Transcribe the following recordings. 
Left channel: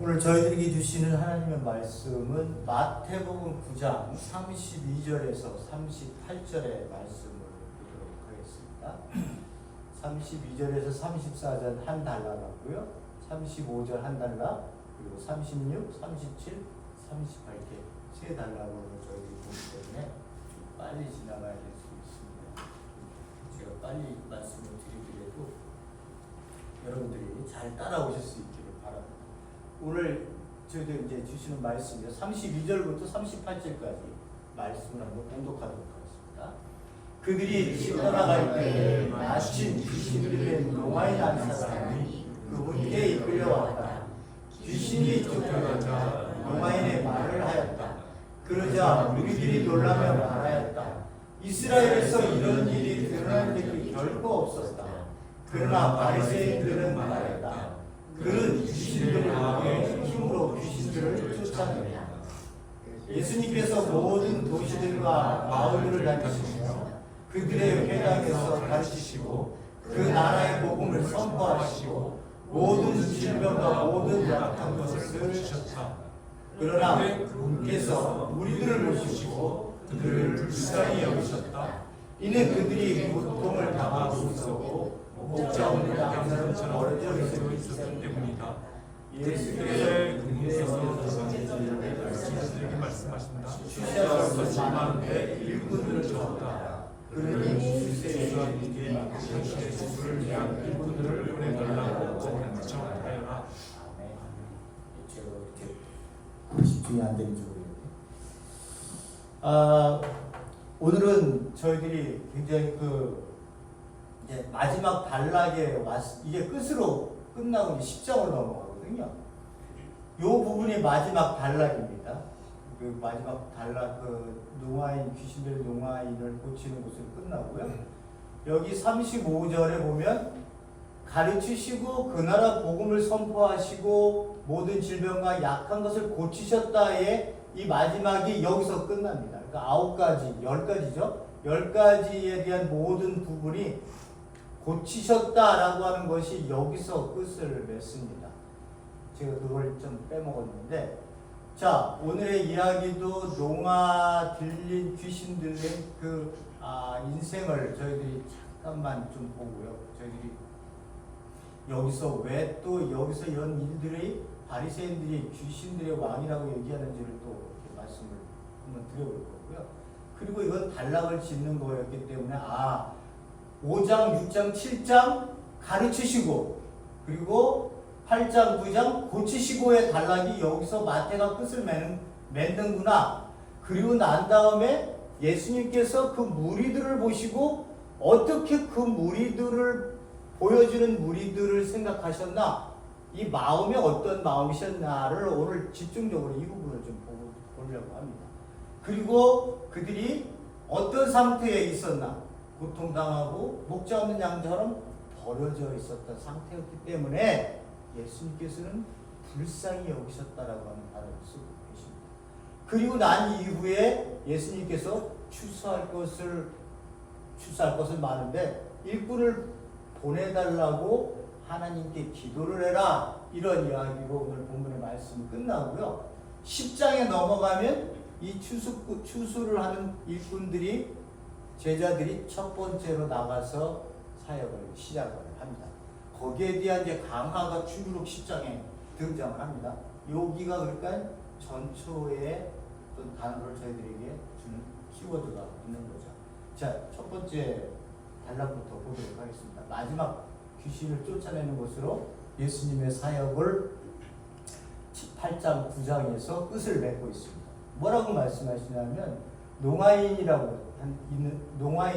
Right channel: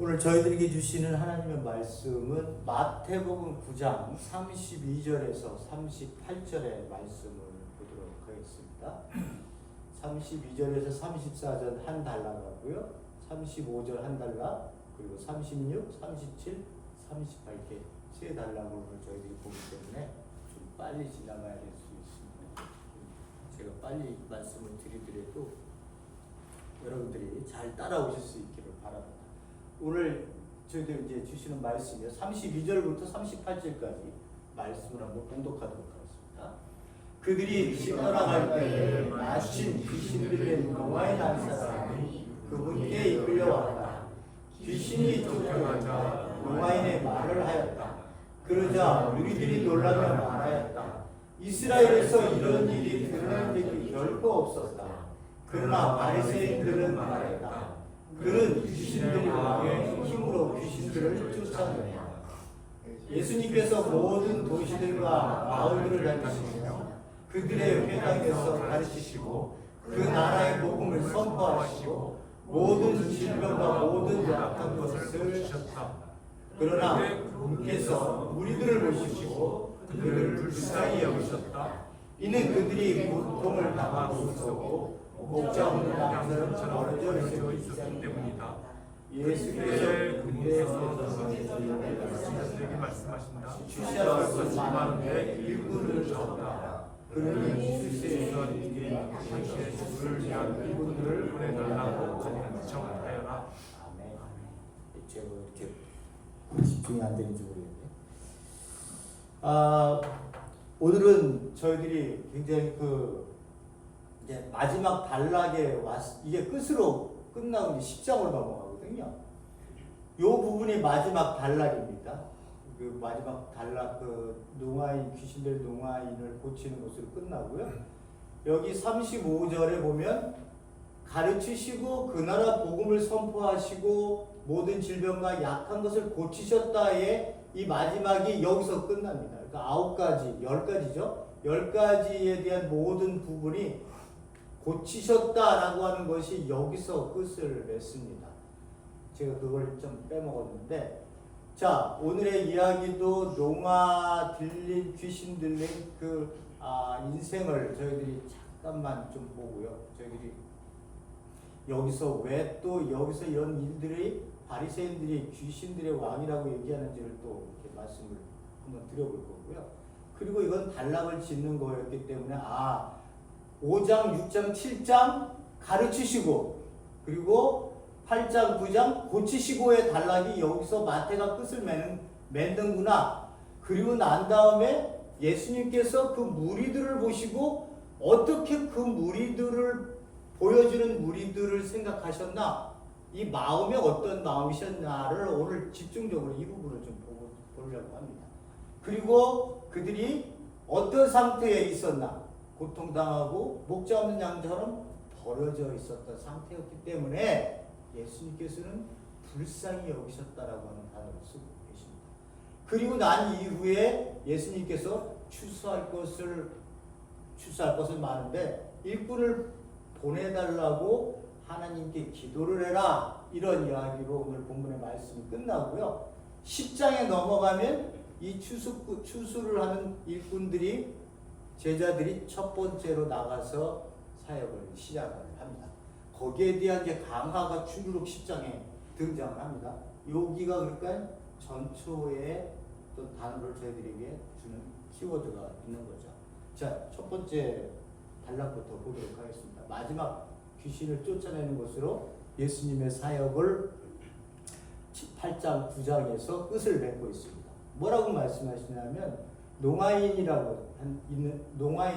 오늘 저희들에게 주시는 하나님의 말씀은 마태복음 9장 32절에서 38절의 말씀을 보도록 하겠습니다. 32절에서 34절 한 달라고요. 35절 한 달라, 그리고 36, 37, 38 이렇게 세 달라고 저희들이 보기 때문에 좀 빨리 지나가야 될 수 있습니다. 제가 빨리 말씀을 드리더라도 여러분들이 잘 따라오실 수 있기를 바랍니다. 오늘 저희들 이제 주시는 말씀이요, 32절부터 38절까지 말씀을 한번 봉독하도록 하겠습니다. 그들이 집 떠나갈 때에 마침 귀신 들린 노아인 한 사람이 그분께 이끌려왔다. 귀신이 쫓겨나자 노아인의 말을 하였다. 그러자 무리들이 놀라며 말하였다. 이스라엘에서 이런 일이 드러난 적이 결코 없었다. 그러나 바리새인들은 말했다. 그는 귀신들을 향해 힘으로 귀신들을 쫓아내다. 예수님께서 모든 도시들과 마을들을 다니시며 그들의 회당에서 가르치시고 그 나라의 복음을 선포하시고 모든 질병과 모든 약한 것을 쓰셨다. 그러나 그분께서 무리들을 모시고 그들을 불쌍히 여기셨다. 이는 그들이 고통을 당하고 있었고 목자 없는 양처럼 멀어져 있었기 때문이다. 예수께서 그분께서 제자들에게 말씀하신다. 취하실 것이 많은데 일꾼들은 적다. 그러니 주세주님께 당신의 주를 위한 일꾼들을 보내달라고 간청하여라. 아멘. 제가 이렇게 집중이 안 되는지 모르겠네. 오늘은 저희들이 굉장히 이제 마지막 단락에 이게 끝으로 끝나고 이제 10장으로 넘어가거든요. 이 부분이 마지막 단락입니다. 그 마지막 단락, 노아인, 귀신들 노아인을 고치는 것으로 끝나고요. 여기 35절에 보면 가르치시고 그 나라 복음을 선포하시고 모든 질병과 약한 것을 고치셨다에 이 마지막이 여기서 끝납니다. 그러니까 9가지, 10가지죠. 10가지에 대한 모든 부분이 고치셨다라고 하는 것이 여기서 끝을 맺습니다. 제가 그걸 좀 빼먹었는데, 자, 오늘의 이야기도 노아 들린, 귀신 들린 인생을 저희들이 잠깐만 좀 보고요. 저희들이 여기서 왜 또 여기서 이런 일들이 바리새인들이 귀신들의 왕이라고 얘기하는지를 또 이렇게 말씀을 한번 드려볼 거고요. 그리고 이건 단락을 짓는 거였기 때문에 5장, 6장, 7장 가르치시고 그리고 8장, 9장 고치시고의 단락이 여기서 마태가 끝을 맺는구나. 그리고 난 다음에 예수님께서 그 무리들을 보시고 어떻게 그 무리들을 보여주는 무리들을 생각하셨나? 이 마음이 어떤 마음이셨나를 오늘 집중적으로 이 부분을 좀 보려고 합니다. 그리고 그들이 어떤 상태에 있었나? 고통당하고 목자 없는 양처럼 버려져 있었던 상태였기 때문에 예수님께서는 불쌍히 여기셨다라고 하는 단어를 쓰고 계십니다. 그리고 난 이후에 예수님께서 추수할 것을 많은데 일꾼을 보내달라고 하나님께 기도를 해라, 이런 이야기로 오늘 본문의 말씀이 끝나고요. 10장에 넘어가면 이 추수를 하는 일꾼들이, 제자들이 첫 번째로 나가서 사역을 시작을 합니다. 거기에 대한 이제 강화가 주르륵 10장에 등장을 합니다. 여기가 그러니까 전초의 어떤 단어를 저희들에게 주는 키워드가 있는 거죠. 자, 첫 번째 단락부터 보도록 하겠습니다. 마지막 귀신을 쫓아내는 것으로 예수님의 사역을 8장, 9장에서 끝을 맺고 있습니다. 뭐라고 말씀하시냐면 농아인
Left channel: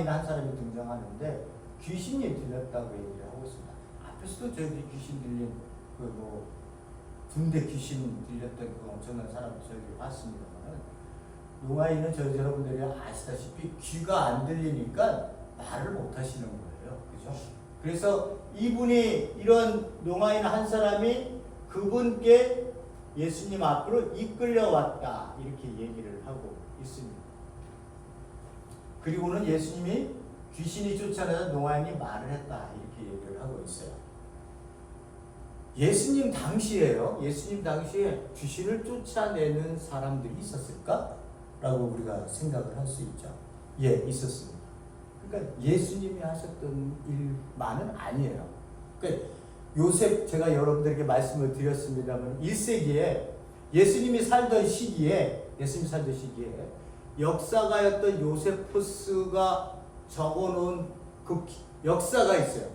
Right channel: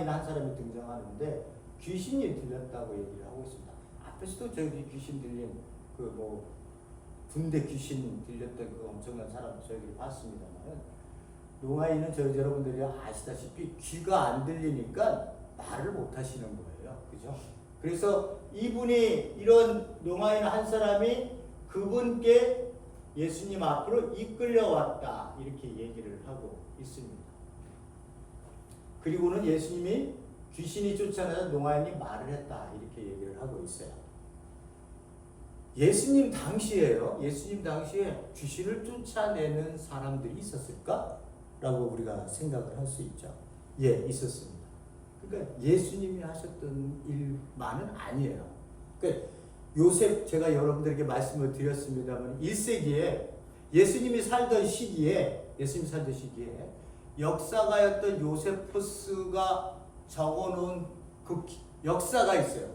한 사람이 등장하는데 귀신이 들렸다고 얘기를 하고 있습니다. 앞에서도 저희들이 귀신 들린 군대 귀신 들렸던 그 엄청난 사람 저희들이 봤습니다만, 농아인은 여러분들이 아시다시피 귀가 안 들리니까 말을 못 하시는 거예요. 그죠? 그래서 이분이, 이런 농아인 한 사람이 그분께 예수님 앞으로 이끌려왔다, 이렇게 얘기를 하고 있습니다. 그리고는 예수님이 귀신이 쫓아내다 농아인이 말을 했다, 이렇게 얘기를 하고 있어요. 예수님 당시에요. 예수님 당시에 귀신을 쫓아내는 사람들이 있었을까? 라고 우리가 생각을 할 수 있죠. 예, 있었습니다. 그러니까 예수님이 하셨던 일만은 아니에요. 그러니까 요셉, 제가 여러분들에게 말씀을 드렸습니다만 1세기에 예수님이 살던 시기에 역사가였던 요세푸스가 적어놓은 그 역사가 있어요.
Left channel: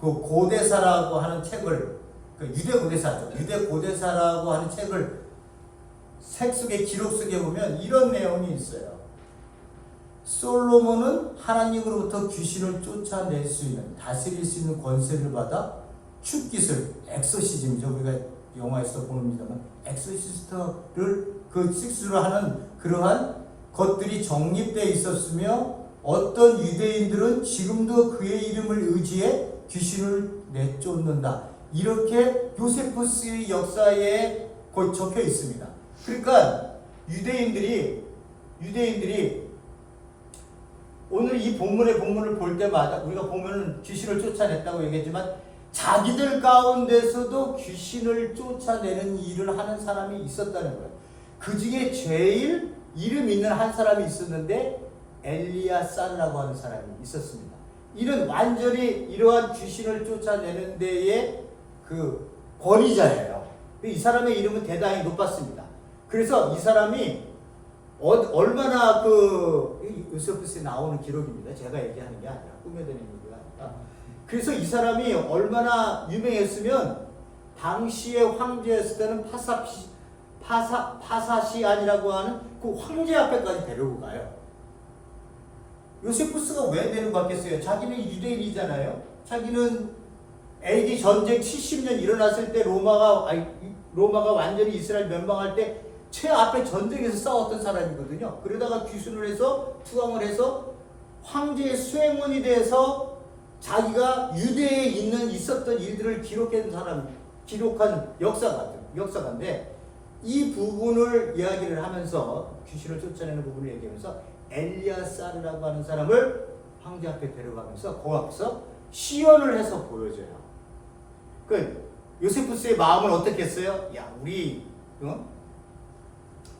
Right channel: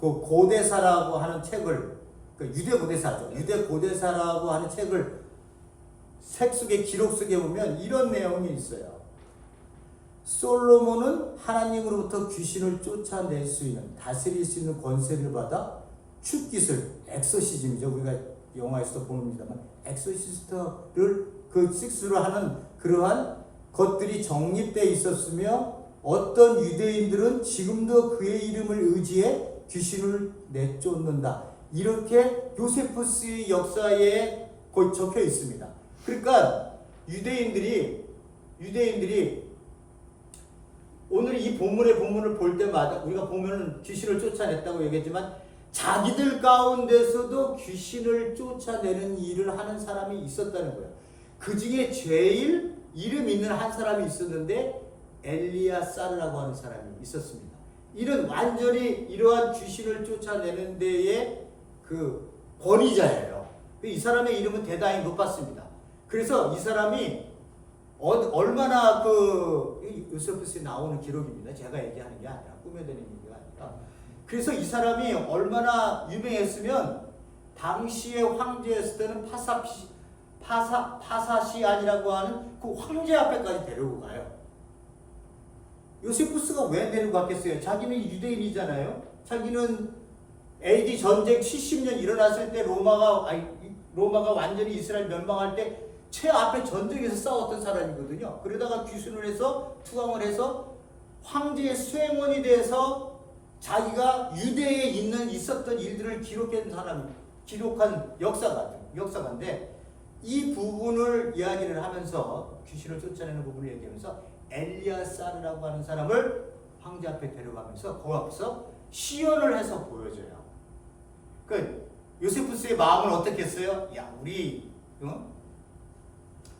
그 고대사라고 하는 책을, 그 유대 고대사죠. 유대 고대사라고 하는 책을 책 속에 기록 속에 보면 이런 내용이 있어요. 솔로몬은 하나님으로부터 귀신을 쫓아낼 수 있는, 다스릴 수 있는 권세를 받아 큐기술, 엑소시즘이죠. 우리가 영화에서 보는입니다만 엑소시스트를 그 식수를 하는 그러한 것들이 정립되어 있었으며 어떤 유대인들은 지금도 그의 이름을 의지해 귀신을 내쫓는다. 이렇게 요세푸스의 역사에 거의 적혀 있습니다. 그러니까 유대인들이 오늘 이 본문을 볼 때마다 우리가 보면은 귀신을 쫓아냈다고 얘기했지만 자기들 가운데서도 귀신을 쫓아내는 일을 하는 사람이 있었다는 거예요. 그 중에 제일 이름 있는 한 사람이 있었는데 엘리야사르라고 하는 사람이 있었습니다. 이런 완전히 이러한 귀신을 쫓아내는 데의 그 권위자예요. 이 사람의 이름은 대단히 높았습니다. 그래서 이 사람이 얼마나 요세푸스에 나오는 기록입니다. 제가 얘기하는 게 아니라 꾸며대는 얘기가 아니라. 그래서 이 사람이 얼마나 유명했으면 당시의 황제였을 때는 파사시안이라고 하는 그 황제 앞에까지 데리고 가요. 요세푸스가 왜 데리고 갔겠어요? 자기는 유대인이잖아요. 자기는 AD 전쟁 70년 일어났을 때 로마가 완전히 이스라엘 면망할 때 최앞에 전쟁에서 싸웠던 사람이거든요. 그러다가 귀순을 해서 투강을 해서 황제의 수행원이 돼서 자기가 유대에 있었던 일들을 기록한 역사가인데 이 부분을 이야기를 하면서 귀신을 쫓아내는 부분을 얘기하면서 엘리야사르라고 하는 사람을 황제 앞에 데려가면서 그 앞에서 시연을 해서 보여줘요. 그 요세푸스의 마음을 어떻게 했어요? 야, 우리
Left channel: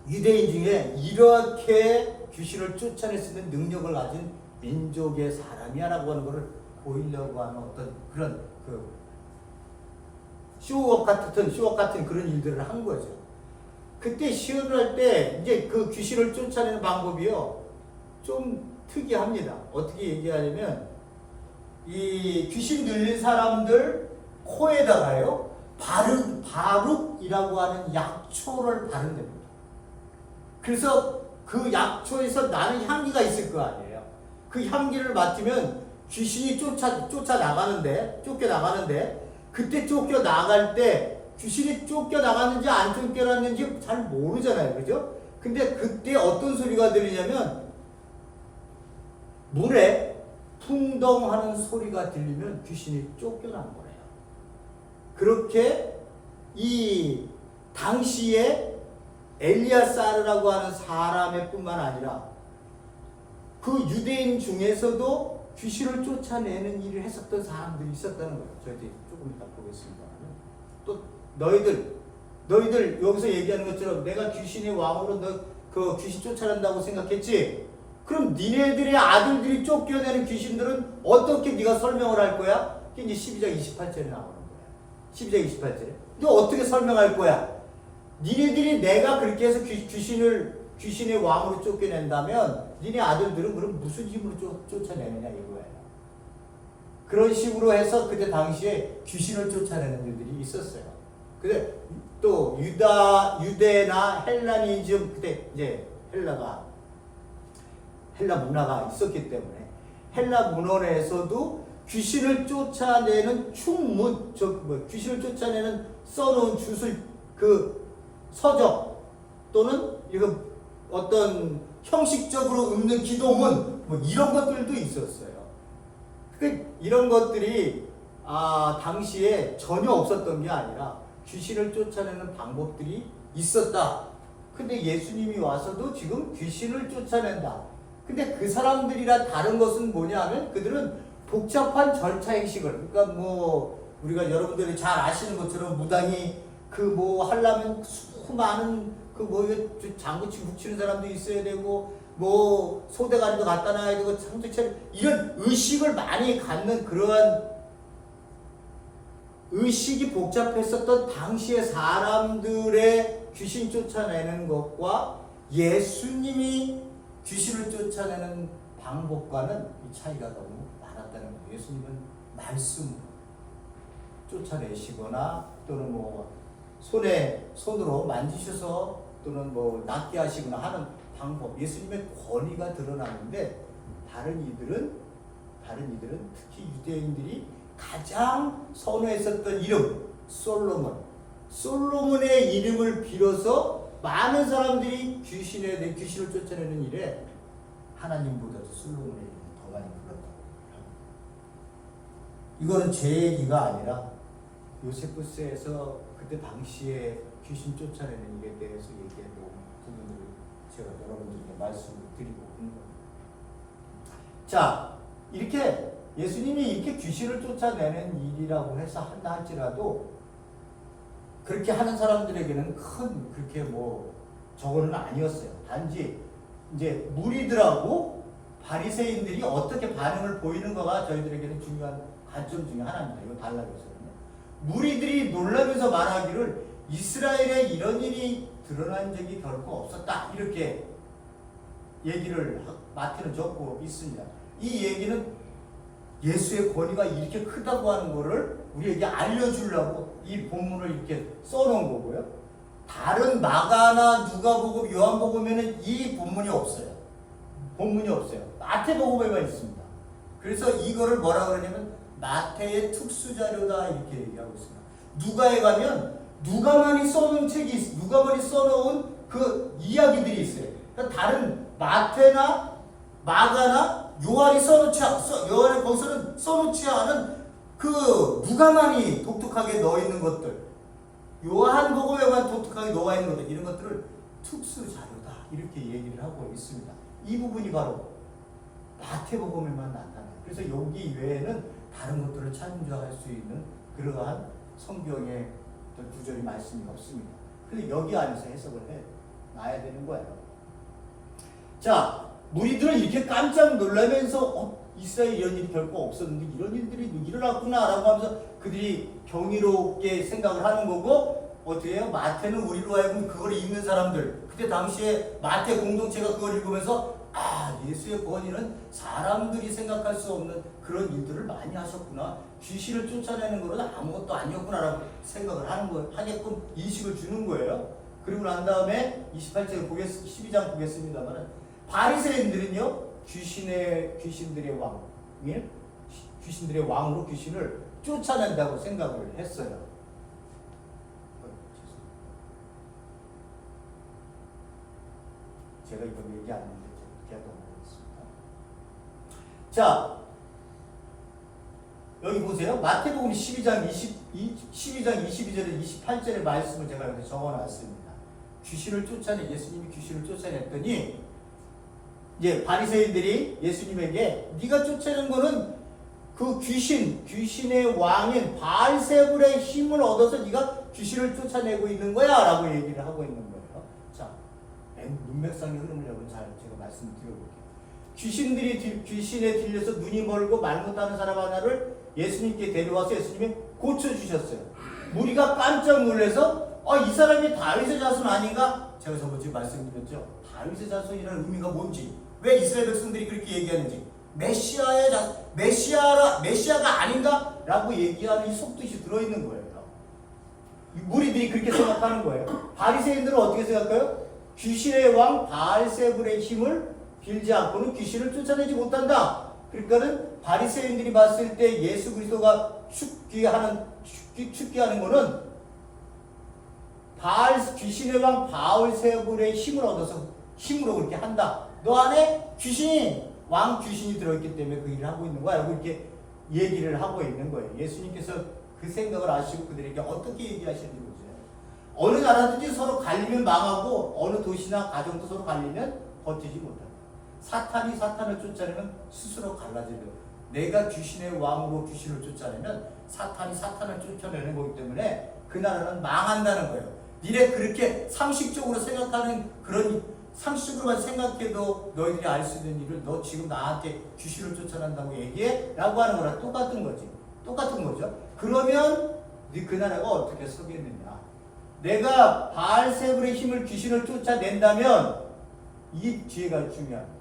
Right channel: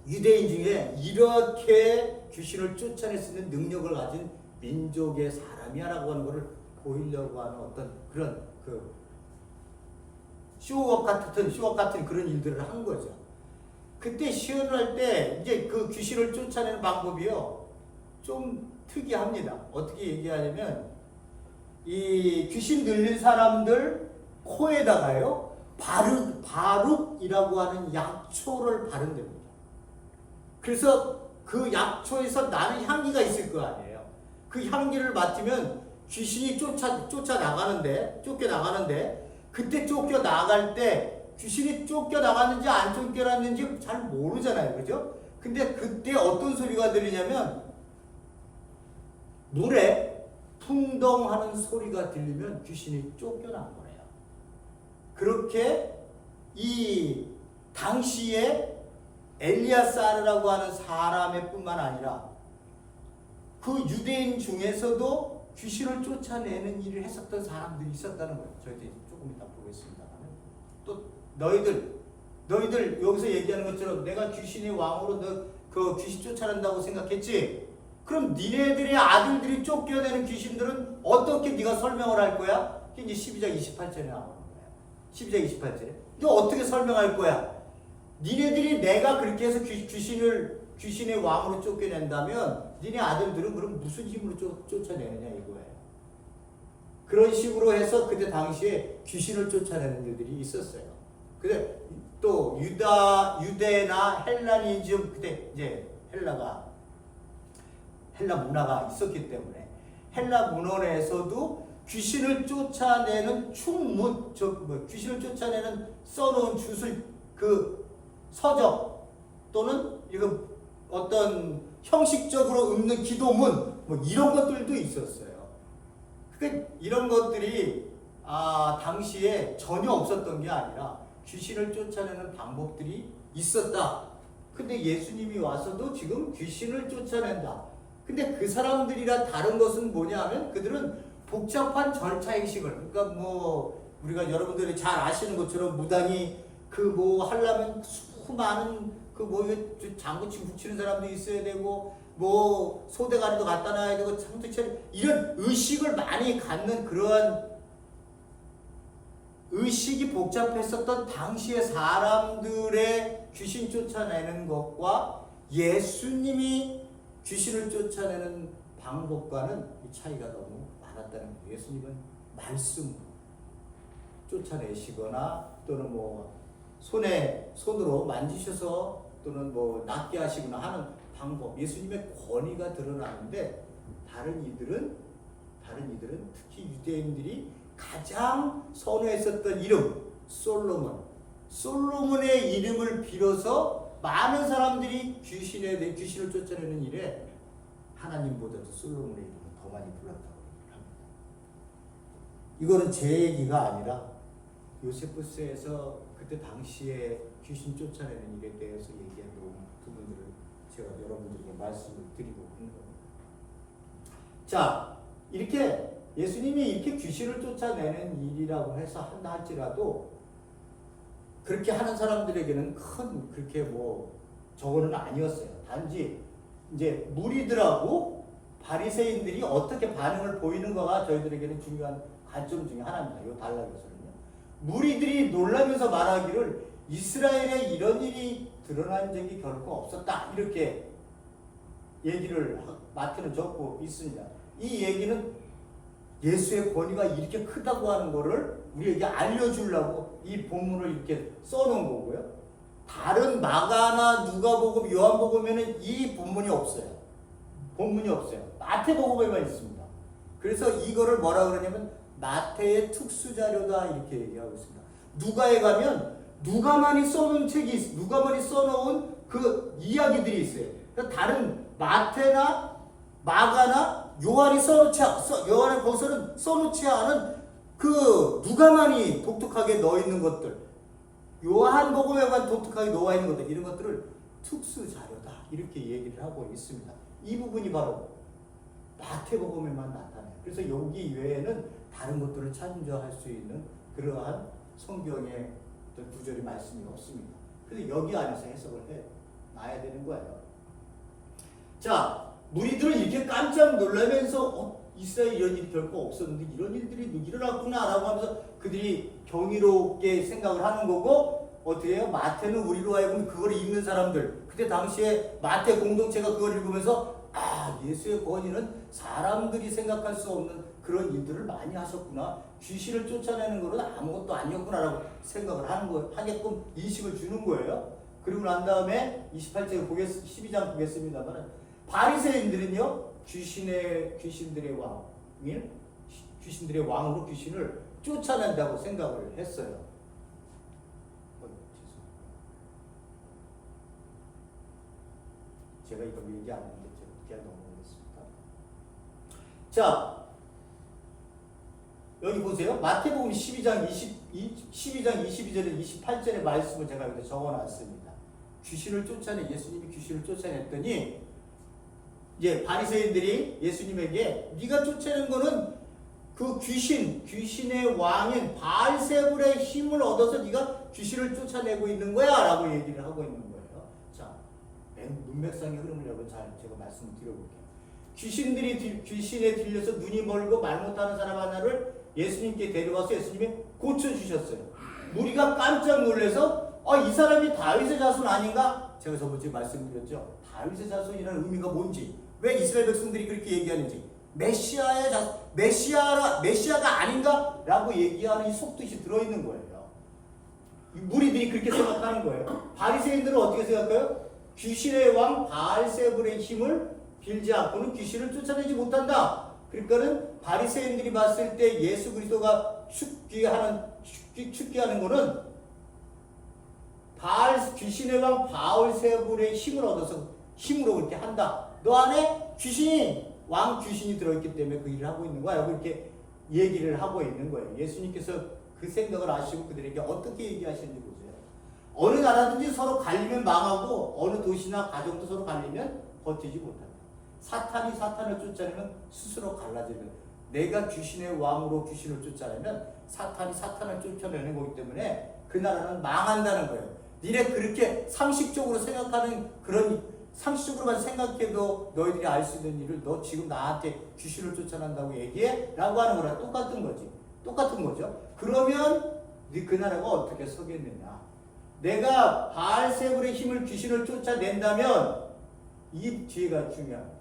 유대인 중에 이렇게 귀신을 쫓아낼 수 있는 능력을 가진 민족의 사람이야라고 하는 것을 보이려고 하는 어떤 그런 쇼업 같은 그런 일들을 한 거죠. 그때 시연을 할 때 이제 그 귀신을 쫓아내는 방법이요 좀 특이합니다. 어떻게 얘기하냐면 이 귀신 들린 사람들 코에다가요 바룩이라고 하는 약초를 바른답니다. 그래서 그 약초에서 나는 향기가 있을 거 아니에요. 그 향기를 맡으면 귀신이 쫓겨나가는데 그때 쫓겨나갈 때 귀신이 쫓겨나갔는지 안 쫓겨났는지 잘 모르잖아요. 그죠? 근데 그때 어떤 소리가 들리냐면 물에 풍덩하는 소리가 들리면 귀신이 쫓겨난 거예요. 그렇게 이 당시에 엘리야사르라고 하는 사람의 뿐만 아니라 그 유대인 중에서도 귀신을 쫓아내는 일을 했었던 사람들이 있었다는 거예요. 저희들이 조금 이따 보겠습니다만 또 너희들 여기서 얘기하는 것처럼 내가 귀신의 왕으로 너 그 귀신 쫓아낸다고 생각했지? 그럼 니네들의 아들들이 쫓겨내는 귀신들은 어떻게 네가 설명을 할 거야? 이게 이제 12장 28절에 나오는 거야. 12장 28절에 너 어떻게 설명할 거야? 니네들이 내가 그렇게 해서 귀신의 왕으로 쫓겨낸다면 니네 아들들은 그럼 무슨 힘으로 쫓아내느냐 이거예요. 그런 식으로 해서 그때 당시에 귀신을 쫓아내는 일들이 있었어요. 근데 또 유대나 헬라니즘 그때 이제 헬라 문화가 있었기 때문에 헬라 문헌에서도 귀신을 쫓아내는 귀신을 쫓아내는 써놓은 주술 서적 또는 이거 어떤 형식적으로 읊는 기도문 이런 것들도 있었어요. 그러니까 이런 것들이 당시에 전혀 없었던 게 아니라 귀신을 쫓아내는 방법들이 있었다. 근데 예수님이 와서도 지금 귀신을 쫓아낸다. 근데 그 사람들이랑 다른 것은 뭐냐 하면 그들은 복잡한 절차 행식을 그러니까 우리가 여러분들이 잘 아시는 것처럼 무당이 그 뭐 하려면 수많은 그 뭐 장구치 붙이는 사람도 있어야 되고 뭐 소대가리도 갖다 놔야 되고 상대처럼 이런 의식을 많이 갖는 그러한 의식이 복잡했었던 당시의 사람들의 귀신 쫓아내는 것과 예수님이 귀신을 쫓아내는 방법과는 이 차이가 너무 많았다는 거예요. 예수님은 말씀으로 쫓아내시거나 또는 뭐 손으로 만지셔서 또는 뭐 낫게 하시거나 하는 방법, 예수님의 권위가 드러나는데 다른 이들은 특히 유대인들이 가장 선호했었던 이름 솔로몬의 이름을 빌어서 많은 사람들이 귀신을 쫓아내는 일에 하나님보다도 솔로몬의 이름을 더 많이 불렀다고 합니다. 이거는 제 얘기가 아니라 요세푸스에서 그때 당시에 귀신 쫓아내는 일에 대해서 얘기한 부분들을 제가 여러분들에게 말씀을 드리고 있는 겁니다. 자, 이렇게 예수님이 이렇게 귀신을 쫓아내는 일이라고 해서 한다 할지라도 그렇게 하는 사람들에게는 큰 그렇게 뭐 저거는 아니었어요. 단지 이제 무리들하고 바리새인들이 어떻게 반응을 보이는가가 저희들에게는 중요한 관점 중에 하나입니다. 이거 달라졌어요. 무리들이 놀라면서 말하기를 이스라엘에 이런 일이 드러난 적이 결코 없었다. 이렇게 얘기를 마태는 적고 있습니다. 이 얘기는 예수의 권위가 이렇게 크다고 하는 것을 우리에게 알려주려고 이 본문을 이렇게 써놓은 거고요. 다른 마가나 누가복음, 요한복음에는 이 본문이 없어요. 마태복음에만 있습니다. 그래서 이거를 뭐라 그러냐면 마태의 특수자료다 이렇게 얘기하고 있습니다. 누가에 가면 누가만이 써놓은 책이 누가만이 써놓은 그 이야기들이 있어요. 그러니까 다른 마태나 마가나 요한이 요한의 거기서는 써놓지 않은 그 누가만이 독특하게 넣어 있는 것들, 요한복음에만 독특하게 넣어 있는 것들, 이런 것들을 특수자료다 이렇게 얘기를 하고 있습니다. 이 부분이 바로 마태복음에만 나타나요. 그래서 여기 외에는 다른 것들을 참조할 수 있는 그러한 성경의 구절이 말씀이 없습니다. 그래서 여기 안에서 해석을 해 놔야 되는 거예요. 자, 무리들은 이렇게 깜짝 놀라면서 이스라엘에 이런 일이 결코 없었는데 이런 일들이 일어났구나 라고 하면서 그들이 경이롭게 생각을 하는 거고, 어떻게 해요? 마태는 우리로 하여금 그걸 읽는 사람들, 그때 당시에 마태 공동체가 그걸 읽으면서 예수의 권위는 사람들이 생각할 수 없는 그런 일들을 많이 하셨구나, 귀신을 쫓아내는 것은 아무것도 아니었구나라고 생각을 하게끔 인식을 주는 거예요. 그리고 난 다음에 28절 12장 보겠습니다만, 바리새인들은요 귀신들의 왕으로 귀신을 쫓아낸다고 생각을 했어요. 제가 이거 얘기 안 했는데 제가 넘어가겠습니다. 자, 여기 보세요. 마태복음 12장 22절에 28절의 말씀을 제가 여기 적어놨습니다. 예수님이 귀신을 쫓아냈더니 이제 바리새인들이 예수님에게 네가 쫓아낸 거는 그 귀신의 왕인 바알세불의 힘을 얻어서 네가 귀신을 쫓아내고 있는 거야 라고 얘기를 하고 있는 거예요. 자, 문맥상의 흐름을 여러분 제가 말씀을 드려볼게요. 귀신에 들려서 눈이 멀고 말 못하는 사람 하나를 예수님께 데려와서 예수님이 고쳐주셨어요. 무리가 깜짝 놀라서 이 사람이 다윗의 자손 아닌가? 제가 저번주에 말씀드렸죠. 다윗의 자손이라는 의미가 뭔지, 왜 이스라엘 백성들이 그렇게 얘기하는지, 메시아가 아닌가? 라고 얘기하는 이 속뜻이 들어있는 거예요. 무리들이 그렇게 생각하는 거예요. 바리새인들은 어떻게 생각해요? 귀신의 왕 바알세불의 힘을 빌지 않고는 귀신을 쫓아내지 못한다. 그러니까는 바리새인들이 봤을 때 예수 그리스도가 축기하는 거는 귀신의 왕 바알세불의 힘을 얻어서 힘으로 그렇게 한다. 너 안에 왕 귀신이 들어있기 때문에 그 일을 하고 있는 거야. 이렇게 얘기를 하고 있는 거예요. 예수님께서 그 생각을 아시고 그들에게 어떻게 얘기하시는지 보세요. 어느 나라든지 서로 갈리면 망하고 어느 도시나 가정도 서로 갈리면 버티지 못한다. 사탄이 사탄을 쫓아내면 스스로 갈라지는 거예요. 내가 귀신의 왕으로 귀신을 쫓아내면 사탄이 사탄을 쫓아내는 거기 때문에 그 나라는 망한다는 거예요. 니네 그렇게 상식적으로 생각하는 그런 상식적으로만 생각해도 너희들이 알 수 있는 일을 너 지금 나한테 귀신을 쫓아낸다고 얘기해? 라고 하는 거랑 똑같은 거지. 똑같은 거죠. 그러면 그 나라가 어떻게 서겠느냐. 내가 바알세불의 힘을 귀신을 쫓아낸다면 이 뒤에가 중요합니다.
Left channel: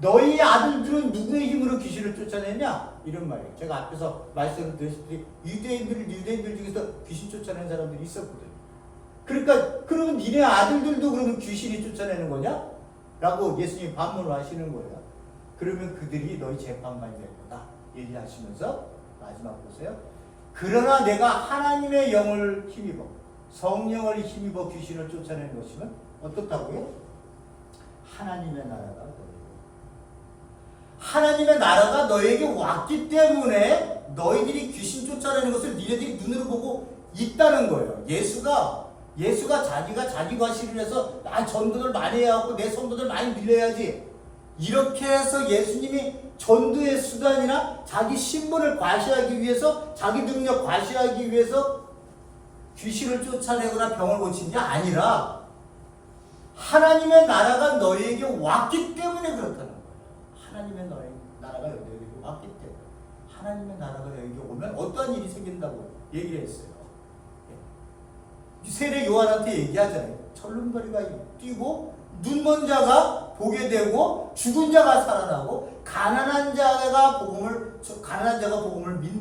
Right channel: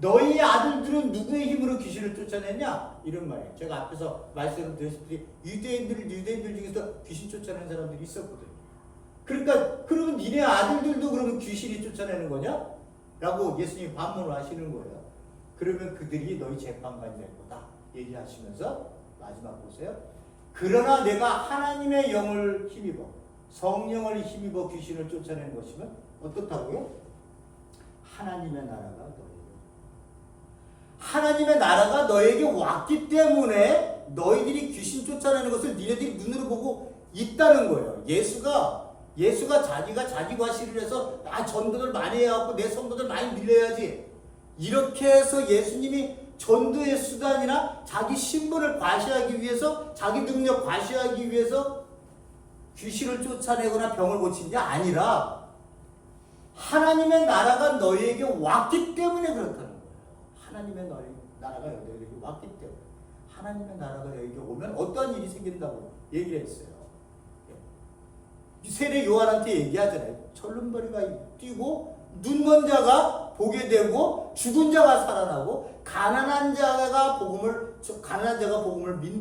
너희 아들들은 누구의 힘으로 귀신을 쫓아내냐? 이런 말이에요. 제가 앞에서 말씀드렸듯이 유대인들 중에서 귀신 쫓아낸 사람들이 있었거든요. 그러니까 그러면 니네 아들들도 그러면 귀신이 쫓아내는 거냐? 라고 예수님이 반문을 하시는 거예요. 그러면 그들이 너희 재판관이 될 거다 얘기하시면서 마지막 보세요. 그러나 내가 하나님의 영을 힘입어 성령을 힘입어 귀신을 쫓아내는 것이면 어떻다고요? 하나님의 나라가 너에게 왔기 때문에 너희들이 귀신 쫓아내는 것을 니네들이 눈으로 보고 있다는 거예요. 예수가 자기가 자기 과시를 해서 나 전도를 많이 해갖고 내 성도들 많이 밀려야지 이렇게 해서 예수님이 전도의 수단이나 자기 신분을 과시하기 위해서 자기 능력 과시하기 위해서 귀신을 쫓아내거나 병을 고친 게 아니라 하나님의 나라가 너희에게 왔기 때문에 그렇다는 거예요. 하나님의 나라가 너희에게 왔기 때문에 하나님의 나라가 너희에게 오면 어떠한 일이 생긴다고 얘기를 했어요. 세례 요한한테 얘기하잖아요. 철름거리가 뛰고 눈먼 자가 보게 되고 죽은 자가 살아나고 가난한 자가 복음을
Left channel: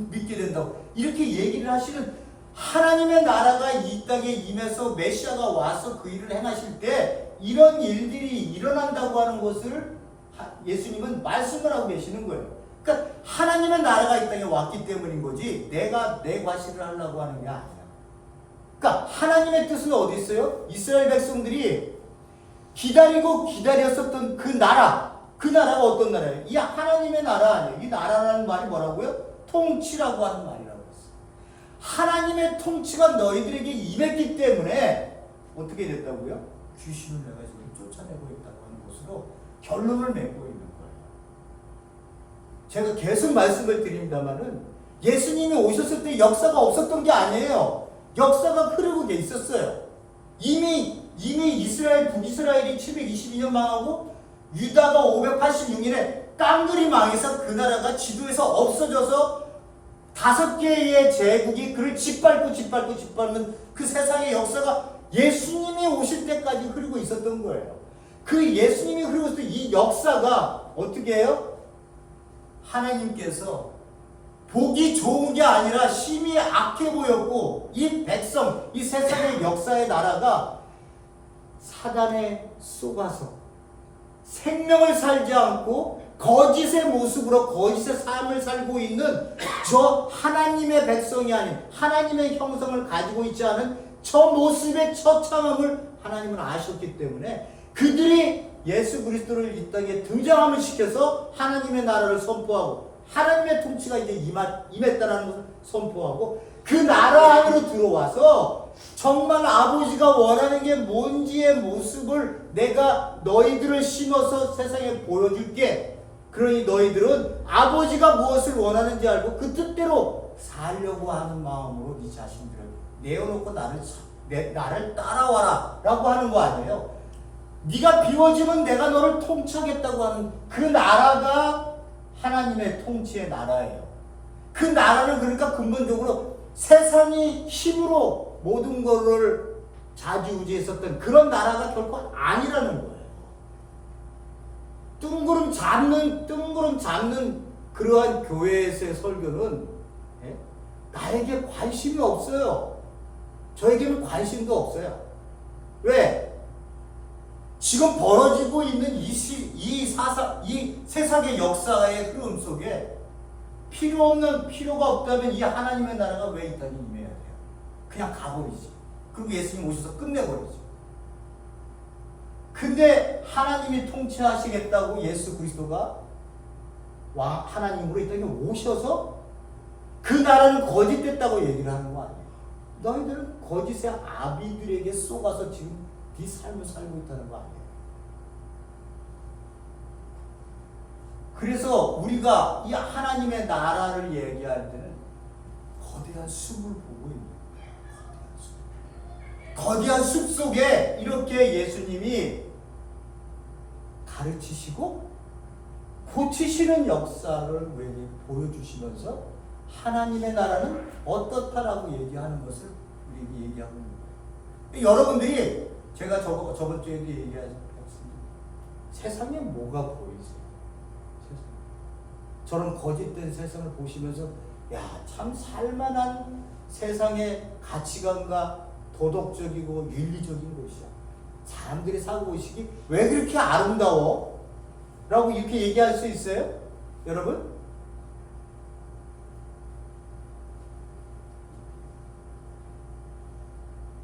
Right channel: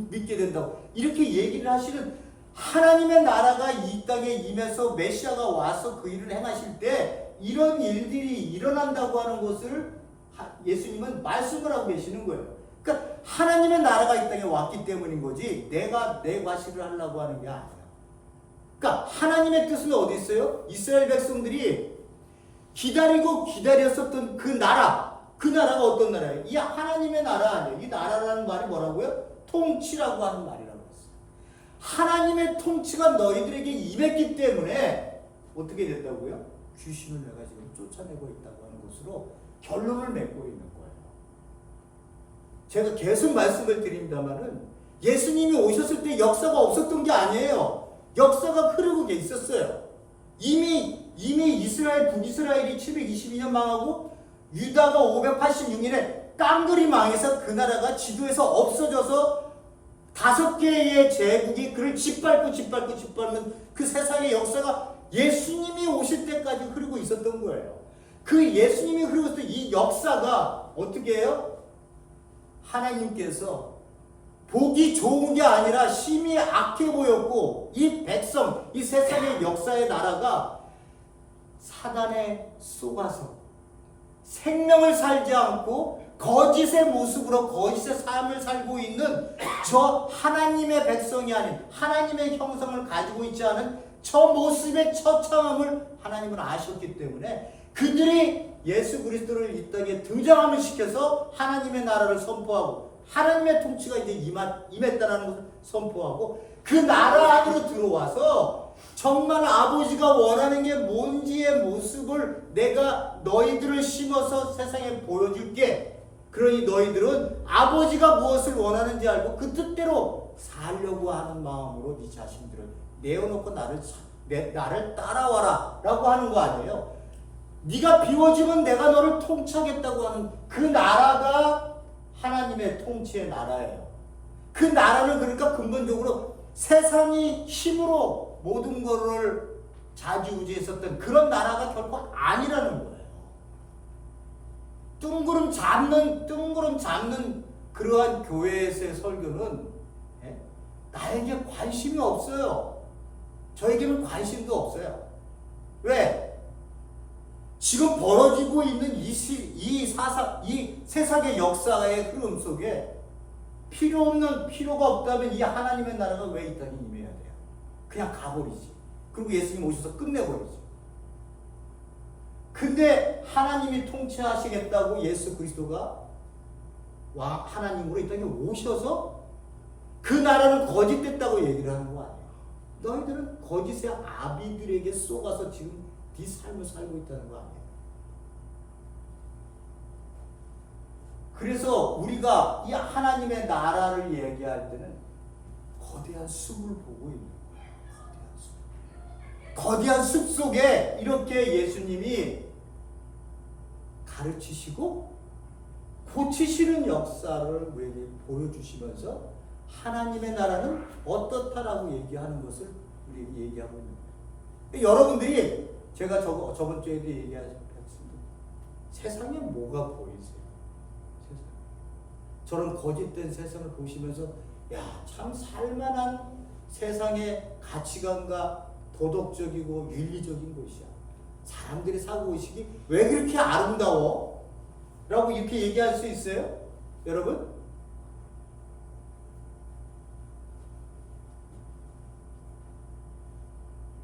믿게 된다고 이렇게 얘기를 하시는 하나님의 나라가 이 땅에 임해서 메시아가 와서 그 일을 행하실 때 이런 일들이 일어난다고 하는 것을 예수님은 말씀을 하고 계시는 거예요. 그러니까 하나님의 나라가 이 땅에 왔기 때문인 거지 내가 내 과시를 하려고 하는 게 아니야. 그러니까 하나님의 뜻은 어디 있어요? 이스라엘 백성들이 기다리고 기다렸었던 그 나라가 어떤 나라예요? 이 하나님의 나라 아니에요. 이 나라라는 말이 뭐라고요? 통치라고 하는 말이라고 했어요. 하나님의 통치가 너희들에게 임했기 때문에 어떻게 됐다고요? 귀신을 내가 지금 쫓아내고 있다고 하는 것으로 결론을 맺고 있는 거예요. 제가 계속 말씀을 드립니다마는 예수님이 오셨을 때 역사가 없었던 게 아니에요. 역사가 흐르고 있었어요. 이미 북이스라엘이 722년 망하고 유다가 586년에 깡그리 망해서 그 나라가 지도에서 없어져서 5개의 제국이 그를 짓밟는 그 세상의 역사가 예수님이 오실 때까지 흐르고 있었던 거예요. 그 예수님이 흐르고 있었던 이 역사가 어떻게 해요? 하나님께서 보기 좋은 게 아니라 심히 악해 보였고 이 백성, 이 세상의 역사의 나라가 사단에 속아서 생명을 살지 않고 거짓의 모습으로 거짓의 삶을 살고 있는 저 하나님의 백성이 아닌 하나님의 형성을 가지고 있지 않은 저 모습의 처참함을 하나님은 아셨기 때문에 그들이 예수 그리스도를 이 땅에 등장함을 시켜서 하나님의 나라를 선포하고 하나님의 통치가 이제 임했다는 것을 선포하고 그 나라 안으로 들어와서 정말 아버지가 원하는 게 뭔지의 모습을 내가 너희들을 심어서 세상에 보여줄게. 그러니 너희들은 아버지가 무엇을 원하는지 알고 그 뜻대로 살려고 하는 마음으로 네 자신들을 내어놓고 나를 따라와라 라고 하는 거 아니에요. 네가 비워지면 내가 너를 통치하겠다고 하는 그 나라가 하나님의 통치의 나라예요. 그 나라는 그러니까 근본적으로 세상이 힘으로 모든 것을 좌지우지했었던 그런 나라가 결코 아니라는 거예요. 뜬구름 잡는 그러한 교회에서의 설교는 나에게 관심이 없어요. 저에게는 관심도 없어요. 왜? 지금 벌어지고 있는 이 세상의 역사의 흐름 속에 필요가 없다면 이 하나님의 나라가 왜 이 땅에 임해야 돼요? 그냥 가버리지. 그리고 예수님 오셔서 끝내버리지. 근데 하나님이 통치하시겠다고 예수 그리스도가 하나님으로 이 땅에 오셔서 그 나라는 거짓됐다고 얘기를 하는 거 아니에요. 너희들은 거짓의 아비들에게 속아서 지금 네 삶을 살고 있다는 거 아니에요. 그래서 우리가 이 하나님의 나라를 얘기할 때는 거대한 숲을 보고 있는 거예요. 거대한 숲 속에 이렇게 예수님이 가르치시고 고치시는 역사를 우리에게 보여주시면서 하나님의 나라는 어떻다라고 얘기하는 것을 우리에게 얘기하고 있는 거예요. 여러분들이 제가 저번 주에도 얘기했습니다. 세상에 뭐가 보이세요? 저런 거짓된 세상을 보시면서 참 살만한 세상의 가치관과 도덕적이고 윤리적인 곳이야. 사람들이 사고의식이 왜 그렇게 아름다워? 라고 이렇게 얘기할 수 있어요? 여러분?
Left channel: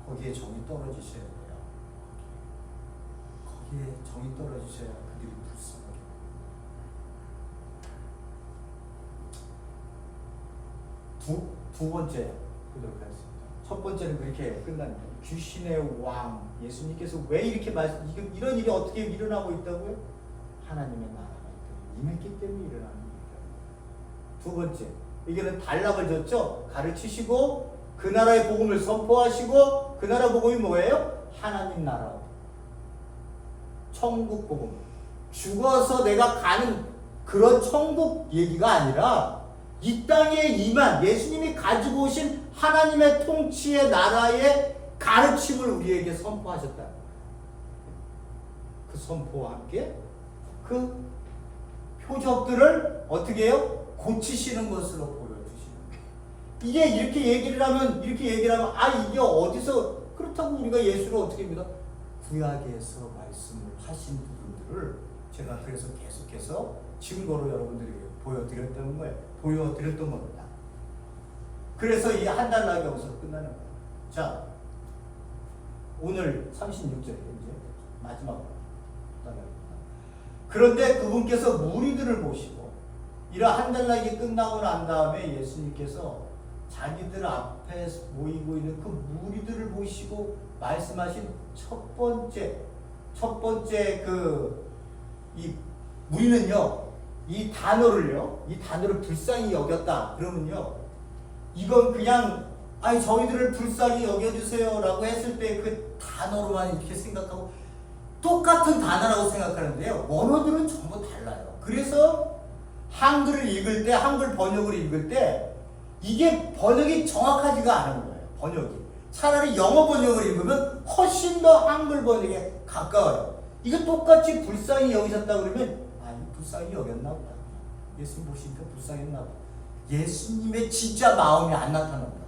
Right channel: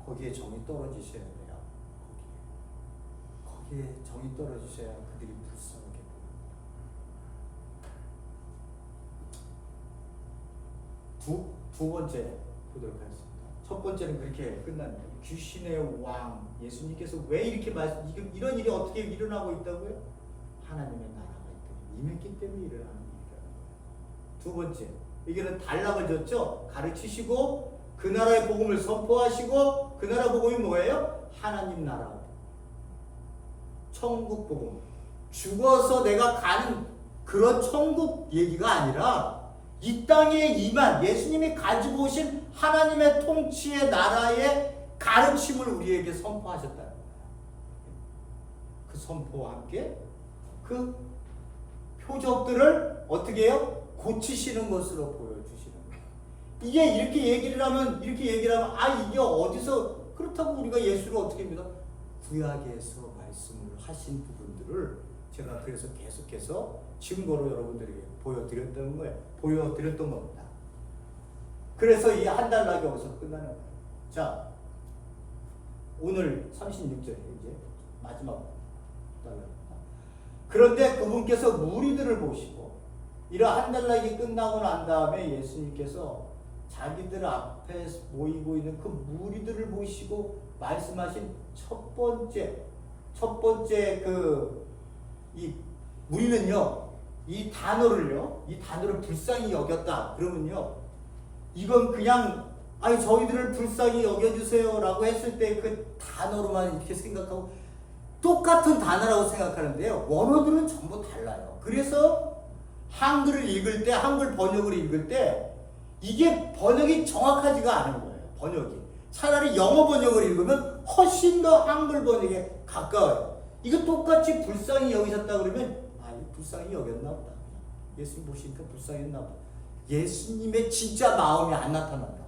거기에 정이 떨어지셔야 돼요. 거기에 정이 떨어지셔야 그들이 불쌍하게 보입니다. 두 번째 보도록 하겠습니다. 첫 번째는 그렇게 끝납니다. 귀신의 왕 예수님께서 왜 이렇게 이런 일이 어떻게 일어나고 있다고요? 하나님의 나라가 임했기 때문에 일어나는 일이다. 두 번째, 이게는 단락을 줬죠. 가르치시고 그 나라의 복음을 선포하시고 그 나라 복음이 뭐예요? 하나님 나라, 천국 복음. 죽어서 내가 가는 그런 천국 얘기가 아니라 이 땅에 임한 예수님이 가지고 오신 하나님의 통치의 나라의 가르침을 우리에게 선포하셨다. 그 선포와 함께 그 표적들을 어떻게 해요? 고치시는 것으로 보여주시는 거예요. 이게 이렇게 얘기를 하면 이게 어디서 그렇다고 우리가 예수를 어떻게 합니다? 구약에서 말씀을 하신 부분들을 제가 그래서 계속해서 증거로 여러분들에게 보여드렸던 겁니다. 그래서 이 한 단락이 여기서 끝나는 거예요. 자, 오늘 36절에 이제 마지막 단락입니다. 그런데 그분께서 무리들을 모시고 이런 한 단락이 끝나고 난 다음에 예수님께서 자기들 앞에 모이고 있는 그 무리들을 모시고 말씀하신 첫 번째 이 무리는요, 이 단어를 불쌍히 여겼다. 그러면요, 이건 그냥 저희들을 불쌍히 여겨주세요라고 했을 때 그 단어로만 이렇게 생각하고 똑같은 단어라고 생각하는데요, 원어들은 전부 달라요. 그래서 한글 번역을 읽을 때 이게 번역이 정확하지가 않은 거예요. 번역이 차라리 영어 번역을 읽으면 훨씬 더 한글 번역에 가까워요. 이거 똑같이 불쌍히 여기셨다 그러면 불쌍히 여겼나 보다. 예수님 보시니까 불쌍했나 보다. 예수님의 진짜 마음이 안 나타난다.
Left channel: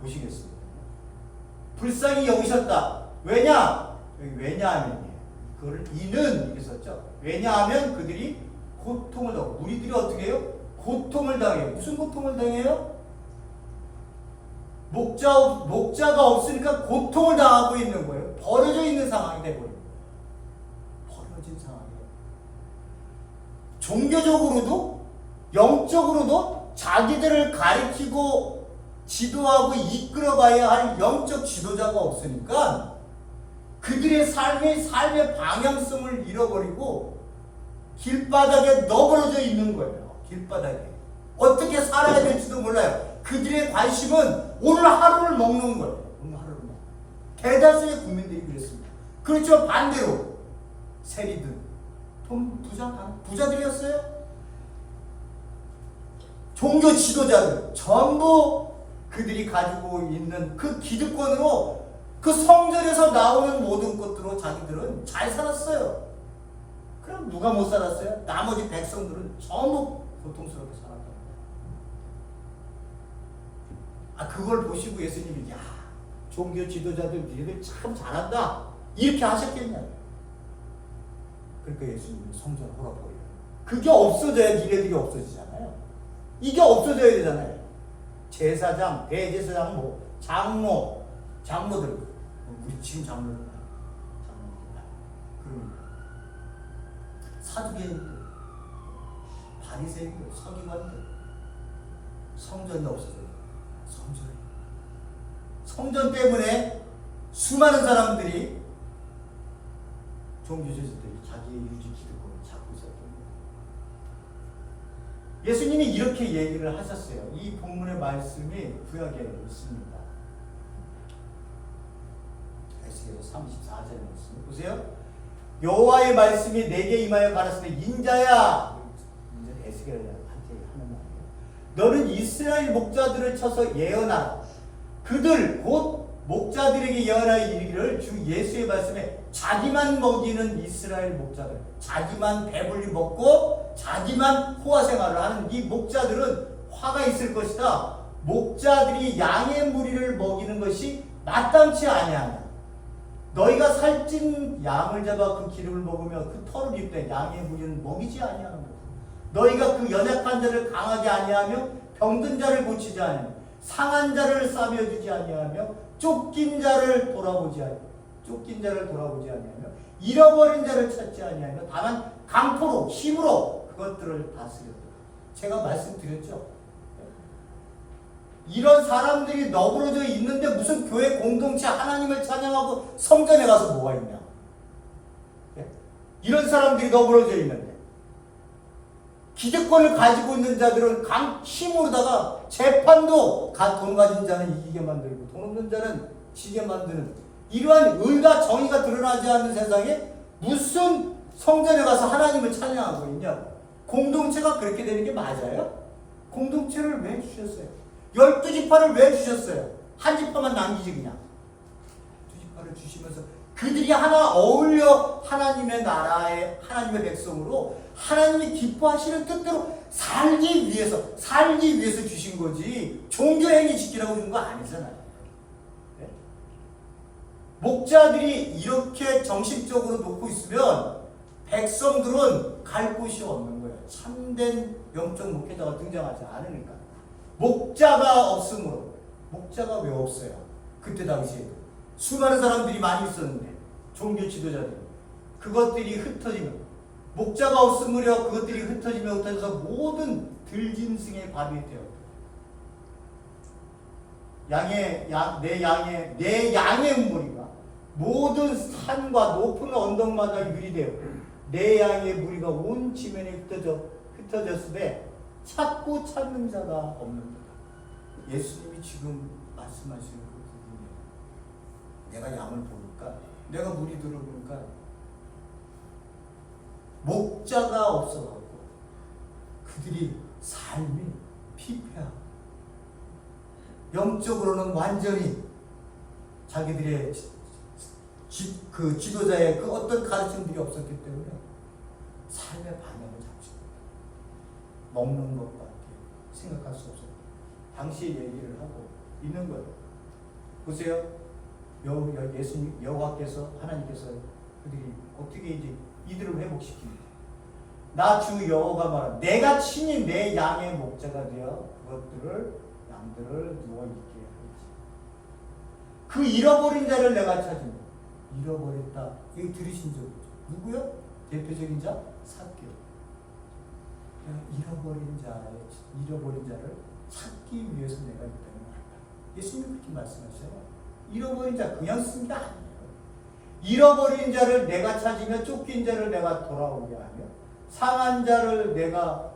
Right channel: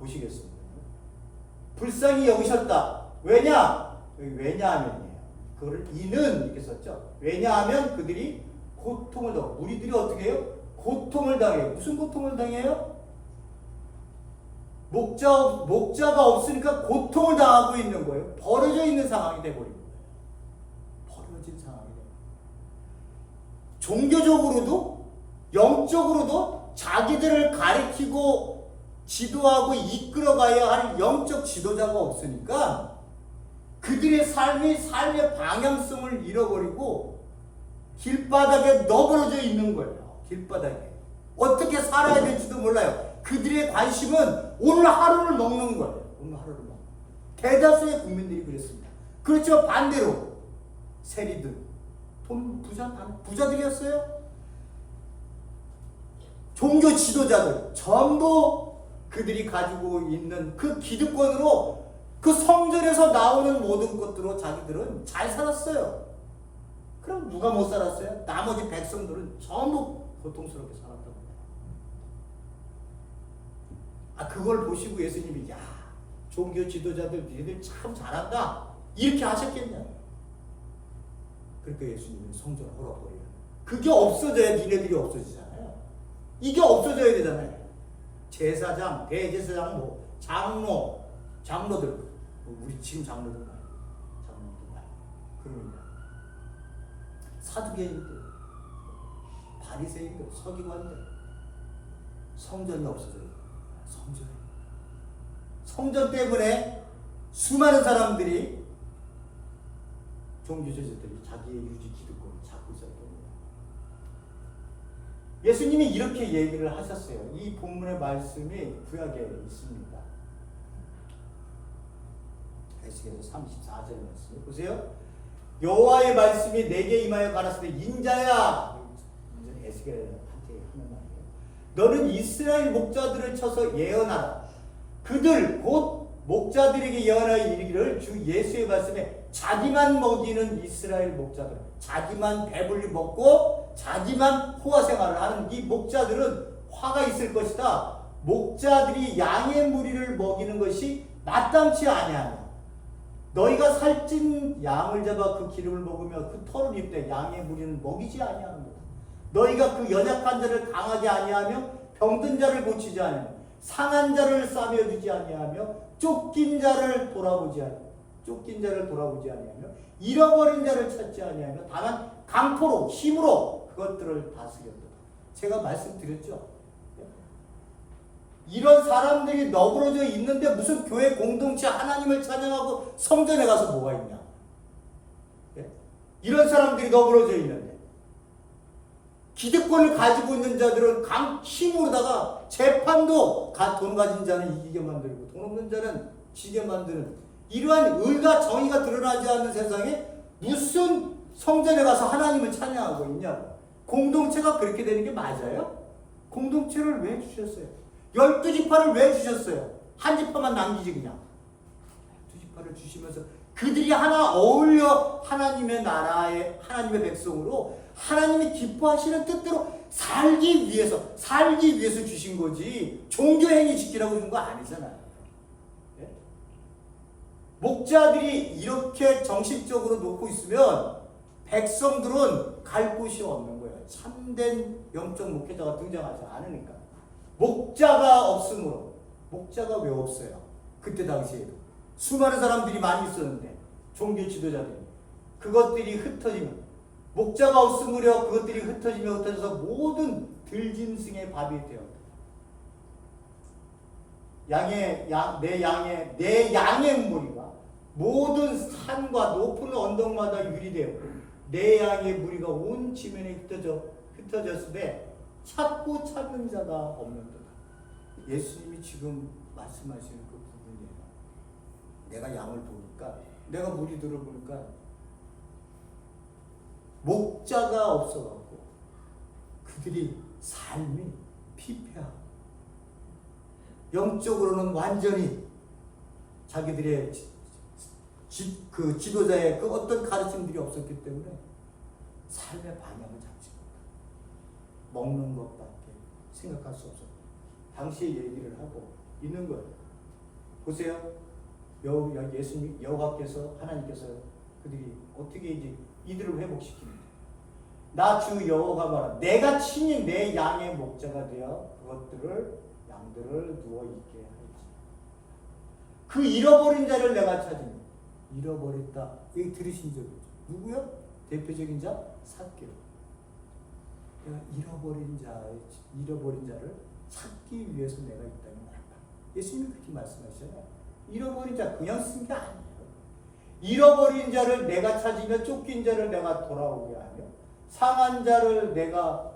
보시겠습니다. 불쌍히 여기셨다. 왜냐하면이에요. 그거를 이는 이렇게 썼죠. 왜냐하면 그들이 고통을 당해요. 우리들이 어떻게 해요? 고통을 당해요. 무슨 고통을 당해요? 목자가 없으니까 고통을 당하고 있는 거예요. 버려져 있는 상황이 되어버린 거예요. 버려진 상황이에요. 종교적으로도 영적으로도 자기들을 가리키고 지도하고 이끌어가야 할 영적 지도자가 없으니까 그들의 삶의 방향성을 잃어버리고 길바닥에 너버려져 있는 거예요. 길바닥에. 어떻게 살아야 될지도 몰라요. 그들의 관심은 오늘 하루를 먹는 거예요. 오늘 하루를 먹는 거예요. 대다수의 국민들이 그랬습니다. 그렇죠. 반대로 세리들, 부자들이었어요. 종교 지도자들 전부 그들이 가지고 있는 그 기득권으로 그 성전에서 나오는 모든 것들로 자기들은 잘 살았어요. 그럼 누가 못 살았어요? 나머지 백성들은 전부 고통스럽게 살았던 거예요. 그걸 보시고 예수님이 종교 지도자들 니들 참 잘한다 이렇게 하셨겠냐고요. 그러니까 예수님은 성전을 헐어버려요. 그게 없어져야 니네들이 없어지잖아요. 이게 없어져야 되잖아요. 제사장, 대제사장, 장로들, 우리 지금 장로들 많아요. 그러면 사두개인들, 바리새인들, 서기관들, 성전이 없어져요. 성전 때문에 수많은 사람들이 종교제자들이 자기의 유지 기득권을 잡고 있었던 거예요. 예수님이 이렇게 얘기를 하셨어요. 이 본문의 말씀이 구약에 있습니다. 에스겔서 34절의 말씀 보세요. 여호와의 말씀이 내게 임하여 가라사대 인자야, 에스겔한테 하는 말이에요. 너는 이스라엘 목자들을 쳐서 예언하라. 그들 곧 목자들에게 예언하여 이르기를 주 예수의 말씀에 자기만 먹이는 이스라엘 목자들, 자기만 배불리 먹고 자기만 호화 생활을 하는 이 목자들은 화가 있을 것이다. 목자들이 양의 무리를 먹이는 것이 마땅치 아니하냐. 너희가 살찐 양을 잡아 그 기름을 먹으며 그 털을 입되 양의 무리는 먹이지 아니하는 것. 너희가 그 연약한 자를 강하게 아니하며 병든 자를 고치지 아니하며 상한 자를 싸매어 주지 아니하며 쫓긴 자를 돌아보지 아니하며 잃어버린 자를 찾지 아니하며 다만 강포로 힘으로 그것들을 다스렸다. 제가 말씀드렸죠. 이런 사람들이 너그러져 있는데 무슨 교회 공동체 하나님을 찬양하고 성전에 가서 뭐가 있냐? 이런 사람들이 너그러져 있는데 기득권을 가지고 있는 자들은 힘으로다가 재판도 돈 가진 자는 이기게 만들고 돈 없는 자는 지게 만드는 이러한 의가 정의가 드러나지 않는 세상에 무슨 성전에 가서 하나님을 찬양하고 있냐? 공동체가 그렇게 되는 게 맞아요? 공동체를 왜 주셨어요? 12지파를 왜 주셨어요? 한 지파만 남기지 그냥. 12지파를 주시면서 그들이 하나 어울려 하나님의 나라의 하나님의 백성으로 하나님이 기뻐하시는 뜻대로 살기 위해서 주신 거지 종교행위 지키라고 준 거 아니잖아요. 네? 목자들이 이렇게 정식적으로 놓고 있으면 백성들은 갈 곳이 없는 거예요. 참된 영적 목회자가 등장하지 않으니까. 목자가 없으므로. 목자가 왜 없어요? 그때 당시에 수많은 사람들이 많이 있었는데 종교 지도자들이 그것들이 흩어지면 목자가 없으므로 그것들이 흩어져서 모든 들짐승의 밥이 되어 내 양의 무리가 모든 산과 높은 언덕마다 유리되어 내 양의 무리가 온 지면에 흩어졌을 때 찾고 찾는 자가 없는 거다. 예수님이 지금 말씀하시는 그 부분이에요. 내가 양을 부를까? 내가 무리들을 부를까? 목자가 없어갖고 그들이 삶이 피폐하고 영적으로는 완전히 자기들의 그 지도자의 그 어떤 가르침들이 없었기 때문에 삶의 방향을 잡지 못하고 먹는 것밖에 생각할 수 없었다. 당시의 얘기를 하고 있는 거예요. 보세요. 예수님, 여호와께서 하나님께서 그들이 어떻게 이제 이들을 회복시킵니다. 나 주 여호와가 말하 내가 친히 내 양의 목자가 되어 양들을 누워 있게 하겠지. 그 잃어버린 자를 내가 찾으며 잃어버렸다. 여기 들으신 적 있죠? 누구요? 대표적인 자 삭개오. 잃어버린 자를 찾기 위해서 내가 있다는 말이야. 예수님이 그렇게 말씀하셔요. 잃어버린 자 그냥 쓴 게 아니에요. 잃어버린 자를 내가 찾으며 쫓긴 자를 내가 돌아오게 하며 상한 자를 내가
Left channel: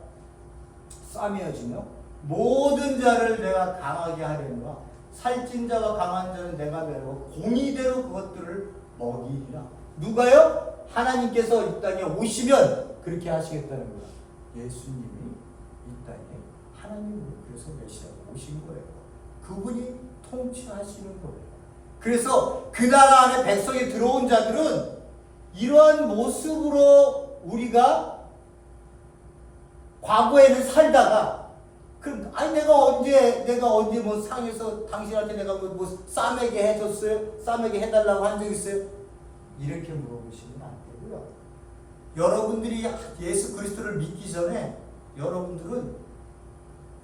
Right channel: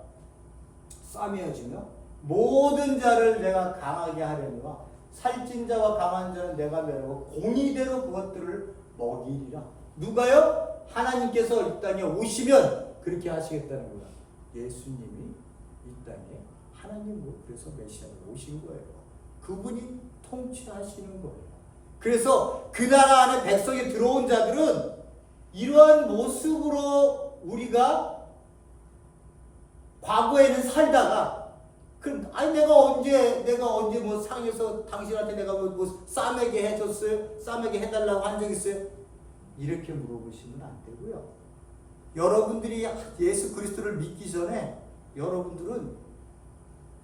싸매어 주며 모든 자를 내가 강하게 하려니와 살찐 자와 강한 자는 내가 메고 공의대로 그것들을 먹이리라. 누가요? 하나님께서 이 땅에 오시면 그렇게 하시겠다는 거예요. 예수님이 이 땅에 하나님으로 그래서 메시아로 오신 거예요. 그분이 통치하시는 거예요. 그래서 그 나라 안에 백성이 들어온 자들은 이러한 모습으로 우리가 과거에는 살다가 내가 언제 뭐 상에서 당신한테 내가 뭐 싸매게 해줬어요? 싸매게 해달라고 한 적 있어요? 이렇게 물어보시면 안 되고요. 여러분들이 예수 그리스도를 믿기 전에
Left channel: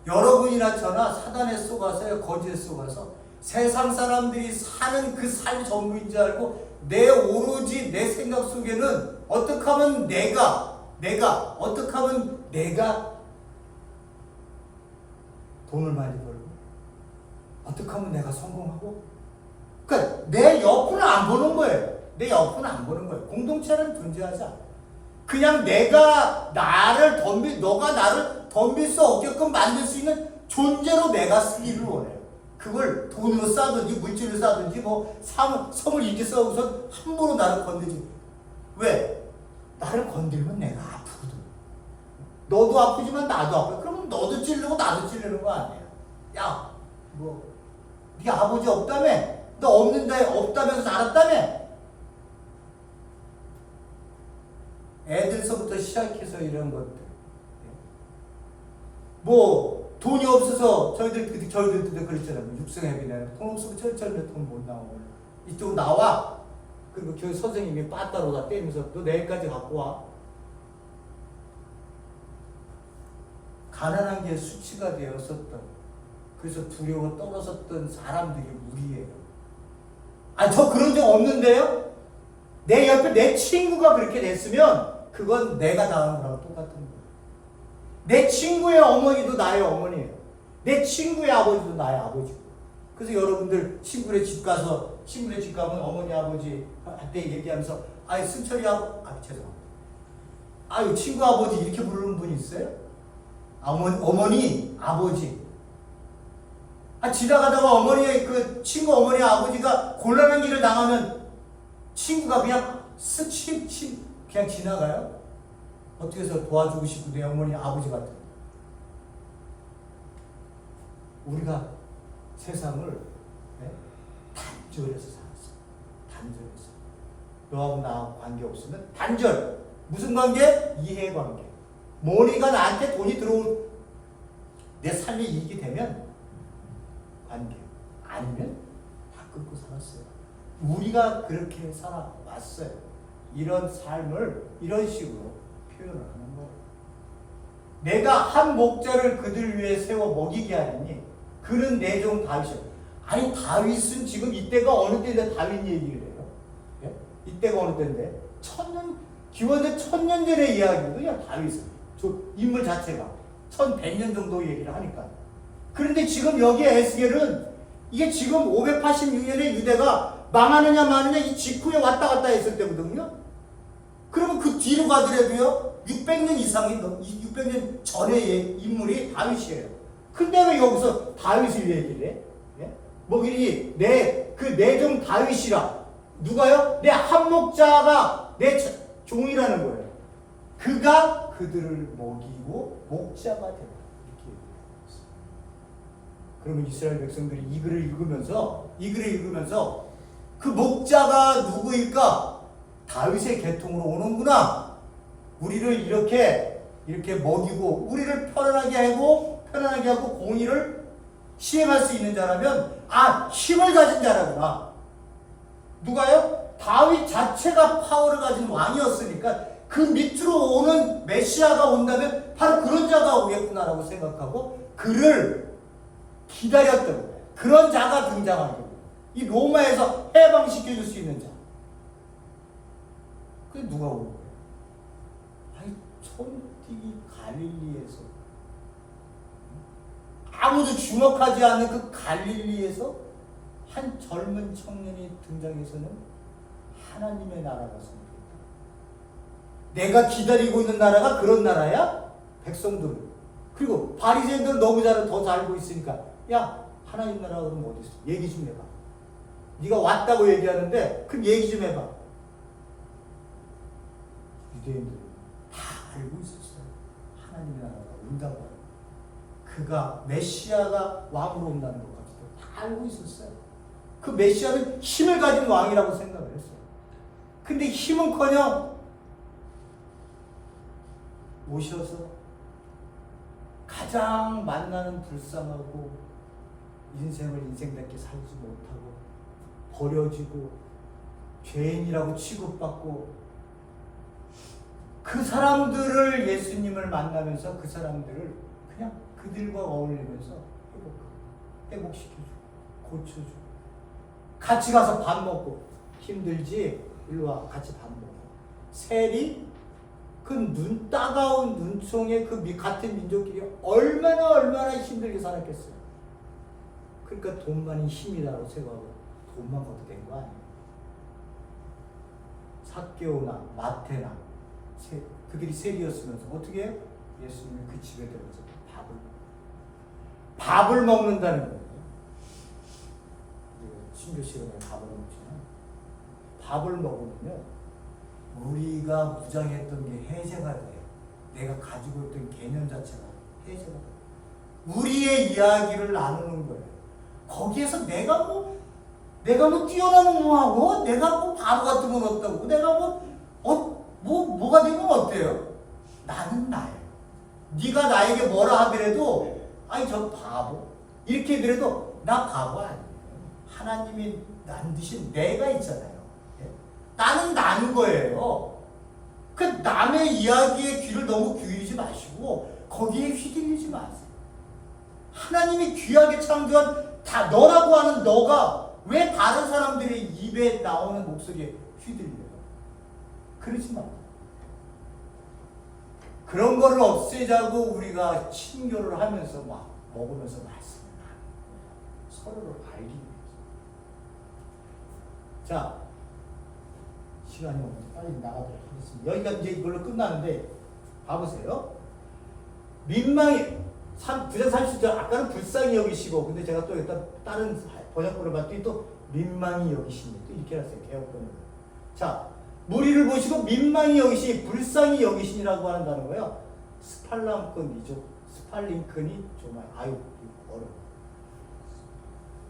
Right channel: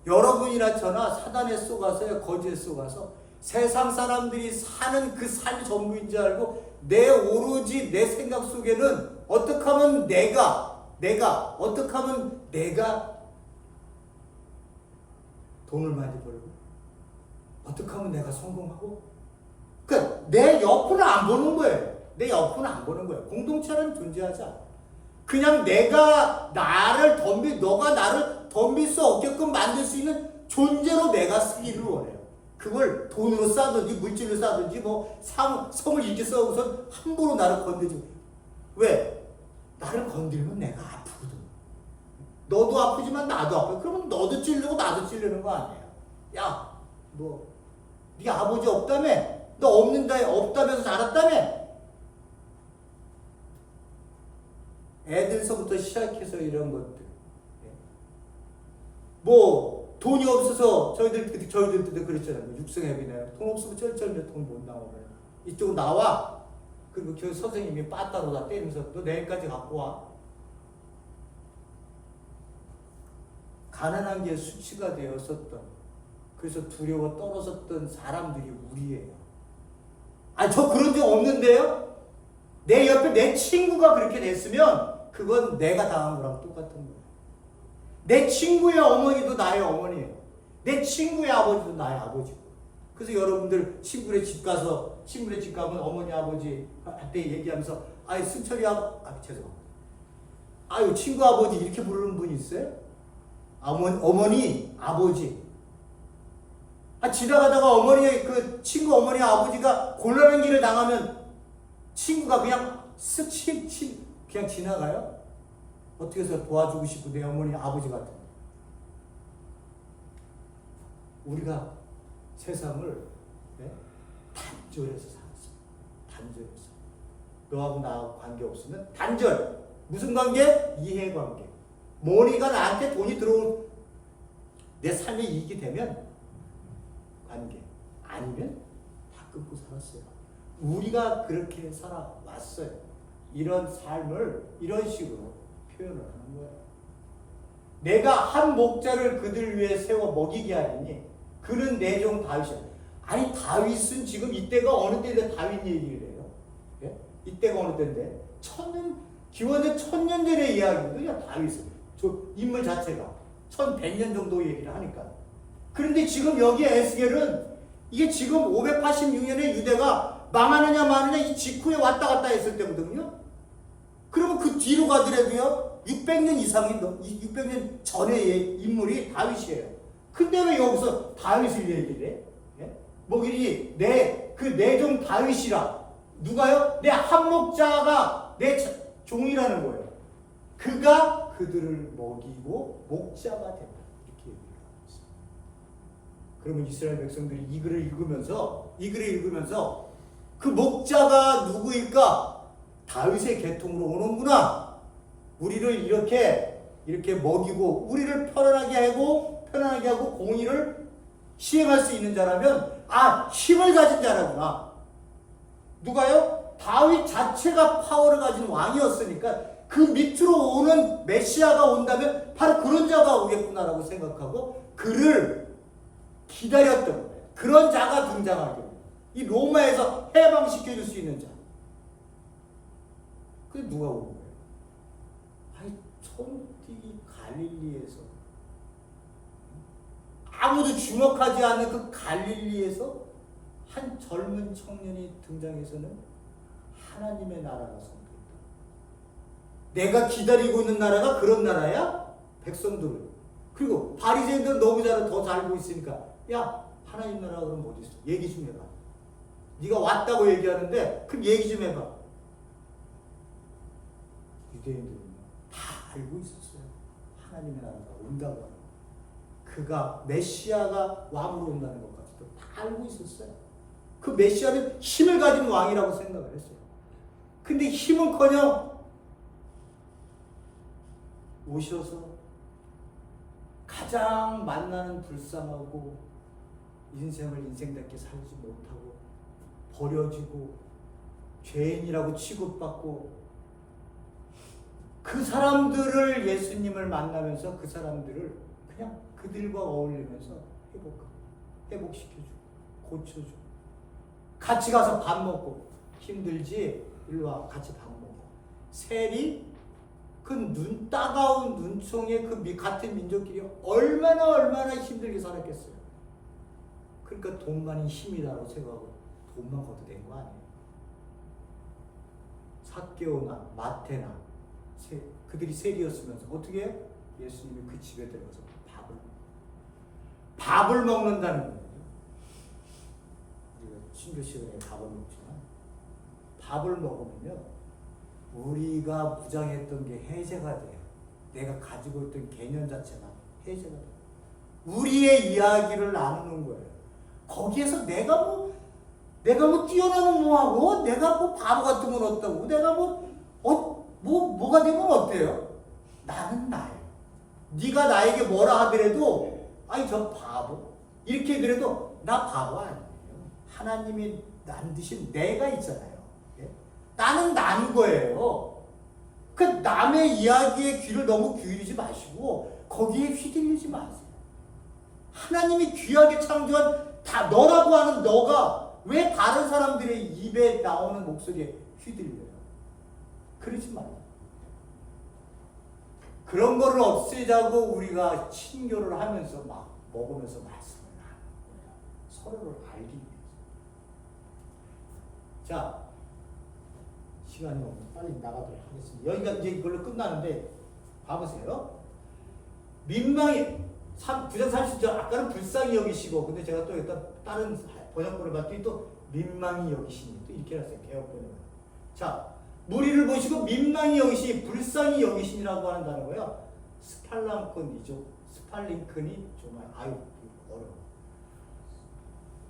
여러분이나 저나 사단에 속아서요, 거짓에 속아서 세상 사람들이 사는 그 삶이 전부인 줄 알고 오로지 내 생각 속에는 어떻게 하면 내가 돈을 많이 벌고 어떻게 하면 내가 성공하고 그러니까 내 옆은 안 보는 거예요. 공동체는 존재하지 않아. 그냥 너가 나를 덤빌 수 없게끔 만들 수 있는 존재로 내가 쓰기를 원해요. 그걸 돈으로 싸든지 물질로 싸든지 뭐 성을 이렇게 써고서 함부로 나를 건드지. 왜? 나를 건들면 내가 아프거든. 너도 아프지만 나도 아파. 그러면 너도 찔르고 나도 찔르는 거 아니에요. 야, 뭐 네 아버지 없다며? 너 없다면서 자랐다며? 애들서부터 시작해서 이런 것들. 뭐 돈이 없어서 저희들도 그랬잖아요. 뭐 육성회비네. 돈 없으면 쩔쩔매 돈 못 나오고. 이쪽으로 나와. 그리고 교회 선생님이 빠따로 다 때리면서 너 내일까지 갖고 와. 가난한 게 수치가 되었었던, 그래서 두려워 떨어졌던 사람들이 우리예요. 아니 저 그런 적 없는데요? 내 옆에 내 친구가 그렇게 됐으면 그건 내가 당한 거랑 똑같은 거예요. 내 친구의 어머니도 나의 어머니예요. 내 친구의 아버지도 나의 아버지고. 그래서 여러분들 친구네 집 가면 어머니 아버지 할 때 얘기하면서 아이 승철이 죄송합니다. 아유 친구 아버지 이렇게 부르는 분 있어요? 어머니 아버지. 지나가다가 그 친구 어머니 아버지가 곤란한 길을 당하면 친구가 그냥 그냥 지나가요? 어떻게 해서 도와주고 싶고 내 어머니 아버지 같은. 우리가 세상을 단절해서 살았어. 단절해서. 너하고 나하고 관계 없으면 단절. 무슨 관계? 이해관계. 머니가 나한테 돈이 들어올 내 삶에 이익이 되면 관계. 아니면 다 끊고 살았어요. 우리가 그렇게 살아왔어요. 이런 삶을 이런 식으로 표현을 하는 거예요. 내가 한 목자를 그들 위해 세워 먹이게 하리니 그는 내 종 다윗이야. 아니 다윗은 지금 이때가 어느 때인데 다윗 얘기를 해요? 예? 이때가 어느 때인데? 기원전 1000년 전의 이야기거든요. 다윗은 저 인물 자체가 1100년 정도 얘기를 하니까. 그런데 지금 여기 에스겔은 이게 지금 586년에 유대가 망하느냐 마느냐 이 직후에 왔다 갔다 했을 때거든요. 그러면 그 뒤로 가더라도요 600년 전의 인물이 다윗이에요. 근데 왜 여기서 다윗을 얘기를 해? 예? 뭐길이 내 종 다윗이라. 누가요? 내 한목자가 내 종이라는 거예요. 그가 그들을 먹이고 목자가 된다. 이렇게 얘기해요. 그러면 이스라엘 백성들이 이 글을 읽으면서 그 목자가 누구일까? 다윗의 계통으로 오는구나. 우리를 이렇게 먹이고 우리를 편안하게 하고 공의를 시행할 수 있는 자라면 힘을 가진 자라구나. 누가요? 다윗 자체가 파워를 가진 왕이었으니까 그 밑으로 오는 메시아가 온다면 바로 그런 자가 오겠구나라고 생각하고 그를 기다렸던 거예요. 그런 자가 등장하게. 이 로마에서 해방시켜줄 수 있는 자. 그게 누가 오는 거예요? 처음뛰기 갈릴리에서 아무도 주목하지 않는 그 갈릴리에서 한 젊은 청년이 등장해서는 하나님의 나라가 성립했다. 내가 기다리고 있는 나라가 그런 나라야? 백성들은. 그리고 바리새인들은 너무 더 잘 알고 있으니까 야 하나님 나라가 그럼 어디 있어? 얘기 좀 해봐. 네가 왔다고 얘기하는데 그럼 얘기 좀 해봐. 유대인들은 다 알고 있었어요. 하나님의 나라가 온다고 하는 거. 그가 메시아가 왕으로 온다는 것까지도 다 알고 있었어요. 그 메시아는 힘을 가진 왕이라고 생각을 했어요. 근데 힘은커녕 오셔서 가장 만나는 불쌍하고 인생을 인생답게 살지 못하고 버려지고 죄인이라고 취급받고 그 사람들을 예수님을 만나면서 그 사람들을 그냥 그들과 어울리면서 회복시켜주고 고쳐주고 같이 가서 밥 먹고 힘들지? 일로 와 같이 밥 먹고 셀이 그 따가운 눈총의 그 같은 민족끼리 얼마나 힘들게 살았겠어요. 그러니까 돈만이 힘이다라고 생각하고 돈만 거둬 된 거 아니에요. 삭개오나 마태나 그들이 셀이었으면서 어떻게 해요? 예수님이 그 집에 들어가서 밥을 먹는다는 거예요. 신교 시간에 밥을 먹잖아요. 밥을 먹으면요, 우리가 무장했던 게 해제가 돼요. 내가 가지고 있던 개념 자체가 해제가 돼요. 우리의 이야기를 나누는 거예요. 거기에서 내가 뭐 뛰어나면 뭐하고, 내가 뭐 바보 같은 건 없다고, 내가 뭐가 되면 어때요? 나는 나예요. 네가 나에게 뭐라 하더라도, 아니 저 바보, 이렇게 하더라도 나 바보 아니에요. 하나님이 만드신 내가 있잖아요. 예? 나는 난 거예요. 그 남의 이야기에 귀를 너무 기울이지 마시고 거기에 휘둘리지 마세요. 하나님이 귀하게 창조한 너라고 하는 너가 왜 다른 사람들의 입에 나오는 목소리에 휘둘려요? 그러지 마세요. 그런 거를 없애자고 우리가 친교를 하면서 막 먹으면서 말씀을 나누는 거예요. 서로를 알기 위해서. 자, 시간이 없어서 빨리 나가도록 하겠습니다. 여기가 이제 이걸로 끝나는데 봐보세요. 민망히 부장 30절 아까는 불쌍히 여기시고, 근데 제가 또 일단 다른 번역본을 봤더니 또 민망히 여기시니 또 이렇게 했어요. 개혁번역은. 자, 무리를 보시고 민망히 여기시니 불쌍히 여기시니라고 하는 단어고요. 스팔랑큰이죠. 스팔링큰이 정말 어려워.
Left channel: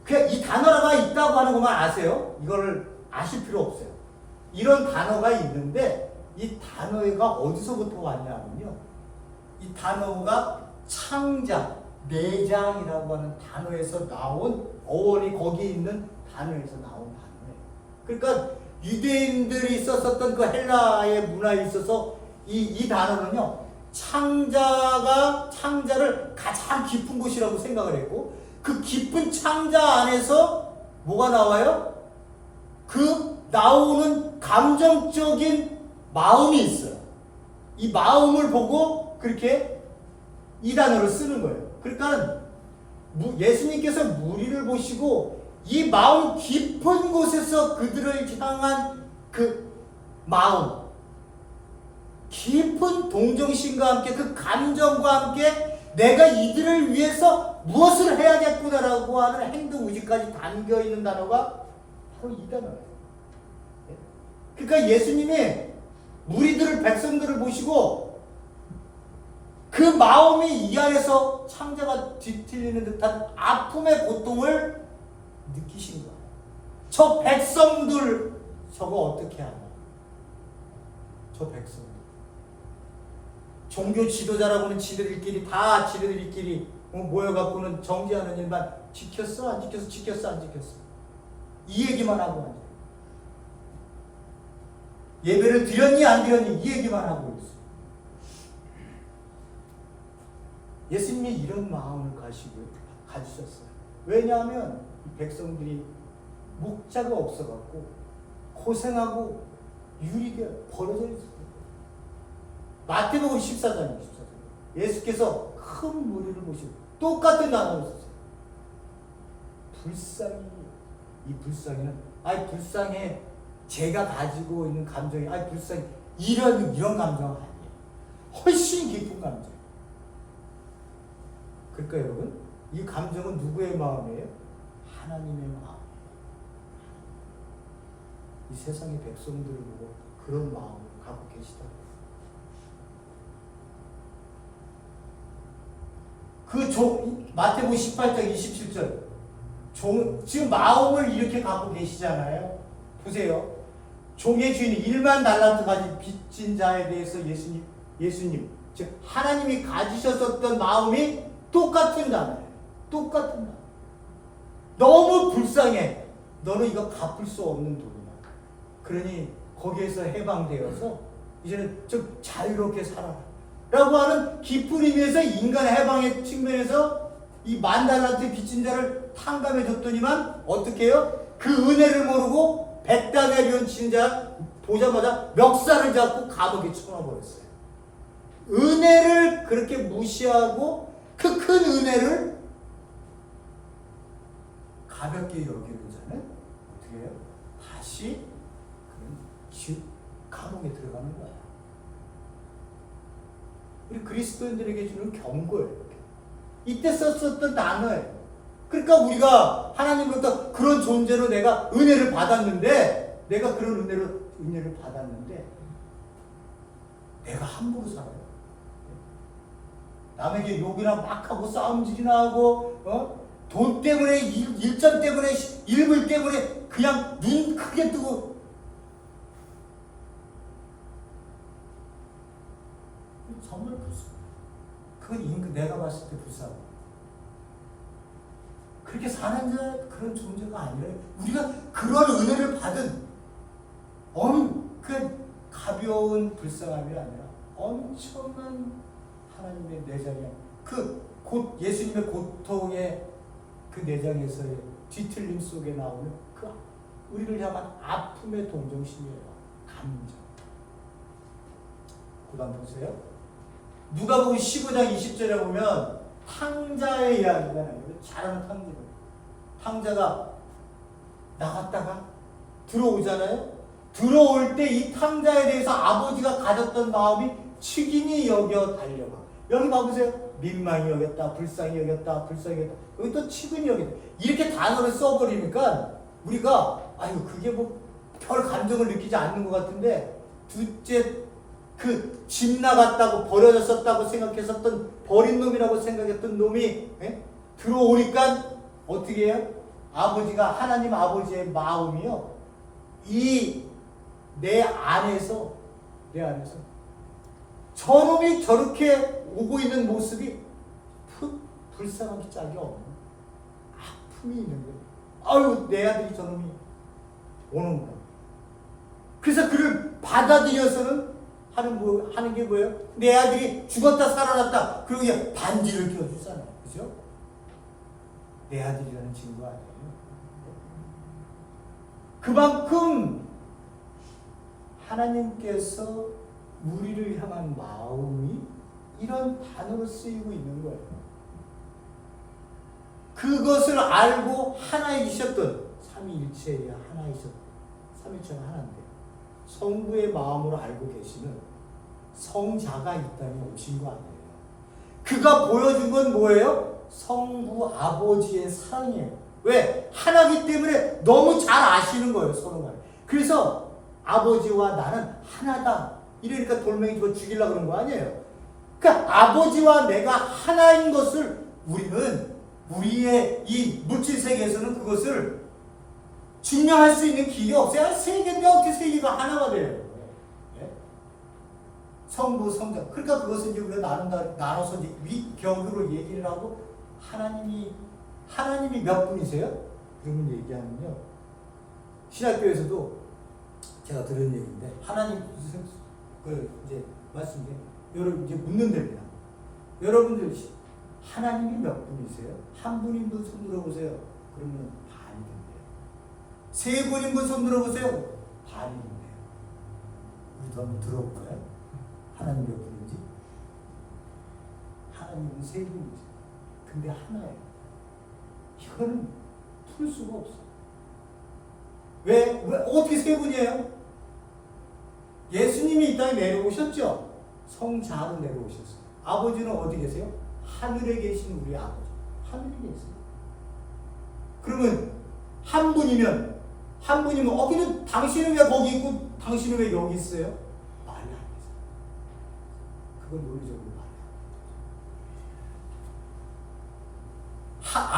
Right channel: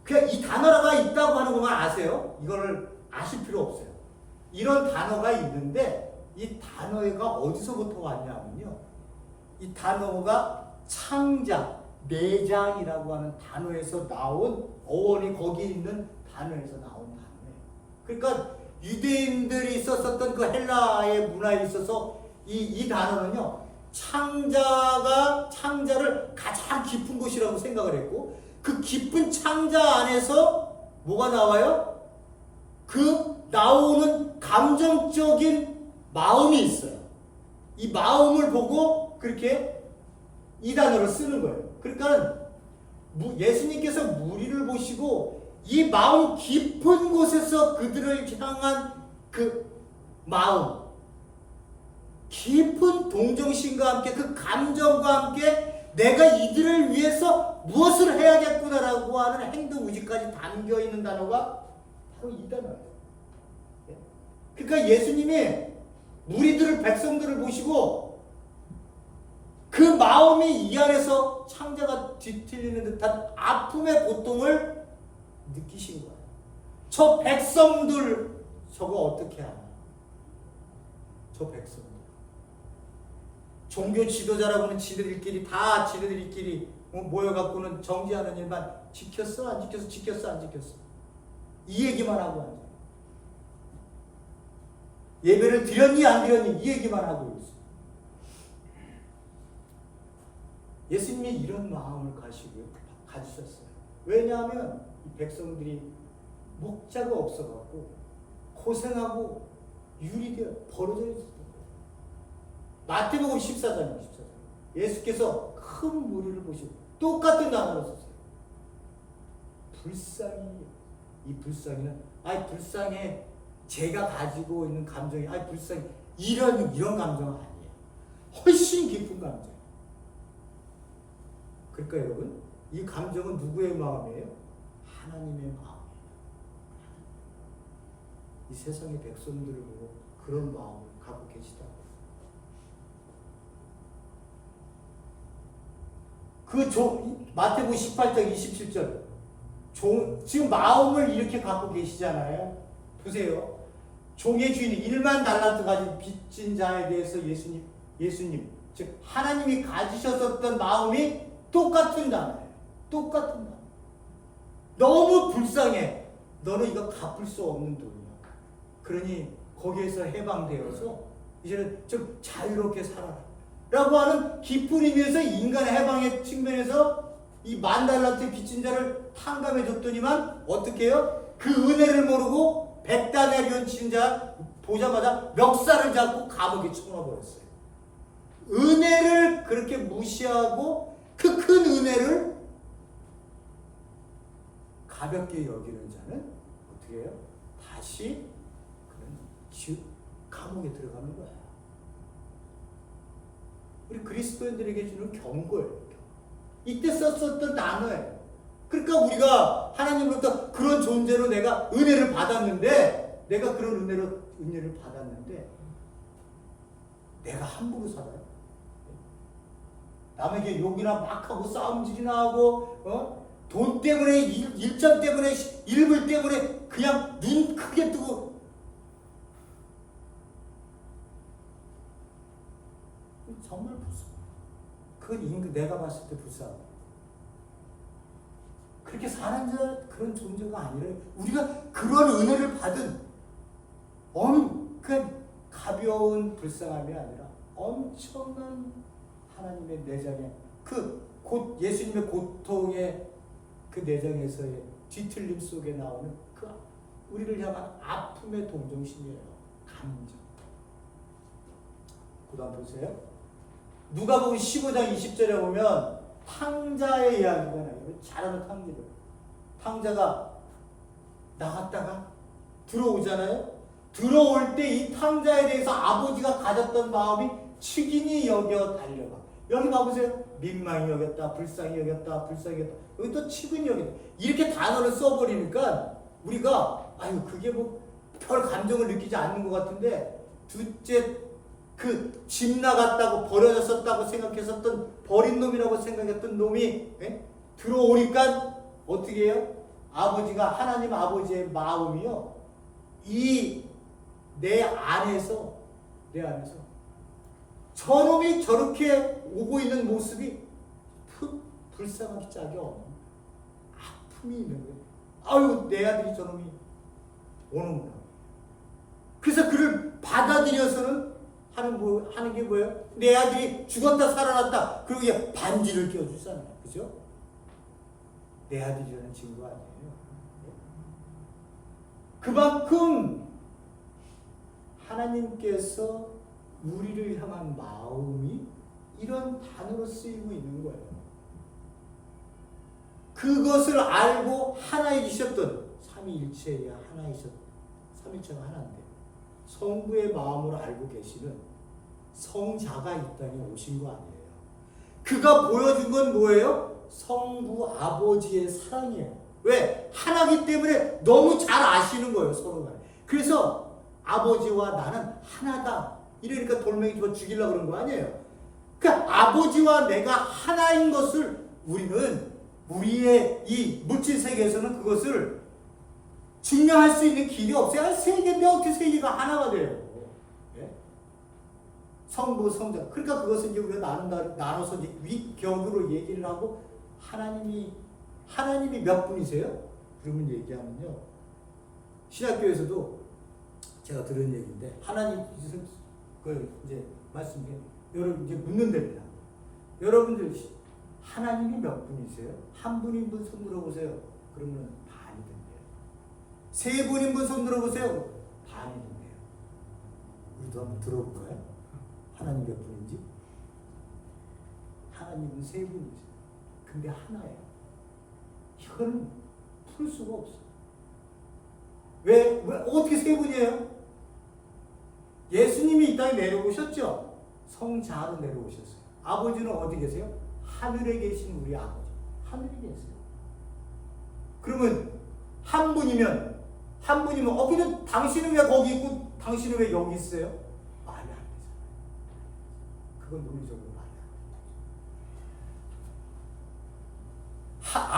그냥 이 단어가 있다고 하는 것만 아세요. 이거를 아실 필요 없어요. 이런 단어가 있는데 이 단어가 어디서부터 왔냐면요. 이 단어가 창자, 내장이라고 하는 단어에서 나온, 어원이 거기에 있는 단어에서 나온 단어예요. 그러니까 유대인들이 썼었던 그 헬라의 문화에 있어서 이 단어는요, 창자를 가장 깊은 곳이라고 생각을 했고, 그 깊은 창자 안에서 뭐가 나와요? 그 나오는 감정적인 마음이 있어요. 이 마음을 보고 그렇게 이 단어를 쓰는 거예요. 그러니까 예수님께서 무리를 보시고 이 마음 깊은 곳에서 그들을 향한 그 마음, 깊은 동정심과 함께 그 감정과 함께 내가 이들을 위해서 무엇을 해야겠구나라고 하는 행동 의지까지 담겨 있는 단어가 바로 이 단어예요. 그러니까 예수님이 무리들을, 백성들을 보시고 그 마음이 이 안에서 창자가 뒤틀리는 듯한 아픔의 고통을 느끼신 거예요. 저 백성들 저거 어떻게 하냐? 저 백성들 종교 지도자라고는 지들끼리 모여갖고는 정죄하는 일만 지켰어 안 지켰어, 지켰어 안 지켰어, 이 얘기만 하고 앉아요. 예배를 드렸니 안 드렸니 이 얘기만 하고 있어. 예수님이 이런 마음을 가지셨어요. 왜냐하면 이 백성들이 목자가 없어갖고 고생하고 유리되어 버려져 있었어요. 마태복음 14장이에요. 예수께서 큰 무리를 보시고 똑같은 단어를 썼어요. 불쌍히. 이 불쌍히는 불쌍해, 제가 가지고 있는 감정이 불쌍해, 이런 감정은 아니에요. 훨씬 깊은 감정. 그러니까 여러분, 이 감정은 누구의 마음이에요? 하나님의 마음이에요. 이 세상의 백성들을 보고 그런 마음을 갖고 계시다고요. 마태복음 18장 27절. 지금 마음을 이렇게 갖고 계시잖아요. 보세요. 종의 주인이 1만 달란트 가진 빚진 자에 대해서 예수님, 즉 하나님이 가지셨었던 마음이 똑같은 단어예요. 똑같은 단어. 너무 불쌍해. 너는 이거 갚을 수 없는 돈이야. 그러니 거기에서 해방되어서 이제는 좀 자유롭게 살아라 라고 하는 깊은 의미에서 인간의 해방의 측면에서 이 1만 달란트의 빚진 자를 탕감해 줬더니만 어떻게 해요? 그 은혜를 모르고 백단에 변친 자 보자마자 멱살을 잡고 감옥에 쳐넣어버렸어요. 은혜를 그렇게 무시하고 그 큰 은혜를 가볍게 여기는 자는 어떻게 해요? 다시 그런 감옥에 들어가는 거야. 우리 그리스도인들에게 주는 경고예요. 이때 썼었던 단어예요. 그러니까 우리가 하나님으로부터 그런 존재로 내가 은혜를 받았는데, 내가 그런 은혜를 받았는데, 내가 함부로 살아요. 남에게 욕이나 막 하고 싸움질이나 하고, 돈 때문에, 일점 때문에, 일불 때문에 그냥 눈 크게 뜨고, 정말 불쌍해. 그건 내가 봤을 때 불쌍해. 그렇게 사는 자 그런 존재가 아니라 우리가 그런 은혜를 받은 그 가벼운 불쌍함이 아니라 엄청난 하나님의 내장에 곧 예수님의 고통의 그 내장에서의 뒤틀림 속에 나오는 그 우리를 향한 아픔의 동정심이에요. 감정. 그다음 보세요. 누가복음 15장 20절에 보면 탕자의 이야기가 나요. 잘하는 탕자들. 탕자가 나갔다가 들어오잖아요. 들어올 때 이 탕자에 대해서 아버지가 가졌던 마음이 측인히 여겨 달려가. 여기 봐보세요. 민망히 여겼다, 불쌍히 여겼다, 불쌍히 여겼다. 여기 또 측은히 여겼다. 이렇게 단어를 써버리니까 우리가 그게 뭐 별 감정을 느끼지 않는 것 같은데, 둘째 그 집 나갔다고 버려졌었다고 생각했었던 버린 놈이라고 생각했던 놈이 들어오니까 어떻게 해요? 아버지가 하나님 아버지의 마음이요. 내 안에서 저놈이 저렇게 오고 있는 모습이 불쌍하기 짝이 없는 아픔이 있는 거예요. 내 아들이 저놈이 오는구나. 그래서 그를 받아들여서는 하는 게 뭐예요? 내 아들이 죽었다 살아났다. 그러고 반지를 껴주잖아요. 그죠? 내 아들이라는 친구 아니에요. 그만큼 하나님께서 우리를 향한 마음이 이런 단어로 쓰이고 있는 거예요. 그것을 알고 하나이셨던 삼위일체의 삼위일체가 하나인데 성부의 마음으로 알고 계시는 성자가 이 땅에 오신 거 아니에요. 그가 보여준 건 뭐예요? 성부 아버지의 사랑이에요. 왜? 하나기 때문에 너무 잘 아시는 거예요, 서로가. 그래서 아버지와 나는 하나다. 이러니까 돌멩이 집어 죽이려고 그런 거 아니에요. 그러니까 아버지와 내가 하나인 것을 우리는 우리의 이 물질 세계에서는 그것을 증명할 수 있는 길이 없어요. 세계인데 어떻게 세계가 하나가 돼요? 예? 성부, 성자. 그러니까 그것은 이제 우리가 나눠서 이제 위격으로 얘기를 하고 하나님이 몇 분이세요? 그러면 얘기하면요. 신학교에서도 제가 들은 얘기인데 하나님 이제 말씀드린 여러분 이제 묻는 데입니다. 여러분들 하나님이 몇 분이세요? 한 분인 분 손 들어보세요. 그러면 반이 된대요. 세 분인 분 손 들어보세요. 반이 된대요. 우리도 한번 들어볼까요? 하나님 몇 분인지? 하나님은 세 분이죠. 근데 하나예요. 이거는 풀 수가 없어요. 왜 어떻게 세 분이에요? 예수님이 이 땅에 내려오셨죠? 성자로 내려오셨어요. 아버지는 어디 계세요? 하늘에 계신 우리 아버지. 하늘에 계세요. 그러면 한 분이면 그냥 당신은 왜 거기 있고 당신은 왜 여기 있어요? 말이 안 되잖아요. 그건 논리적으로 말이 안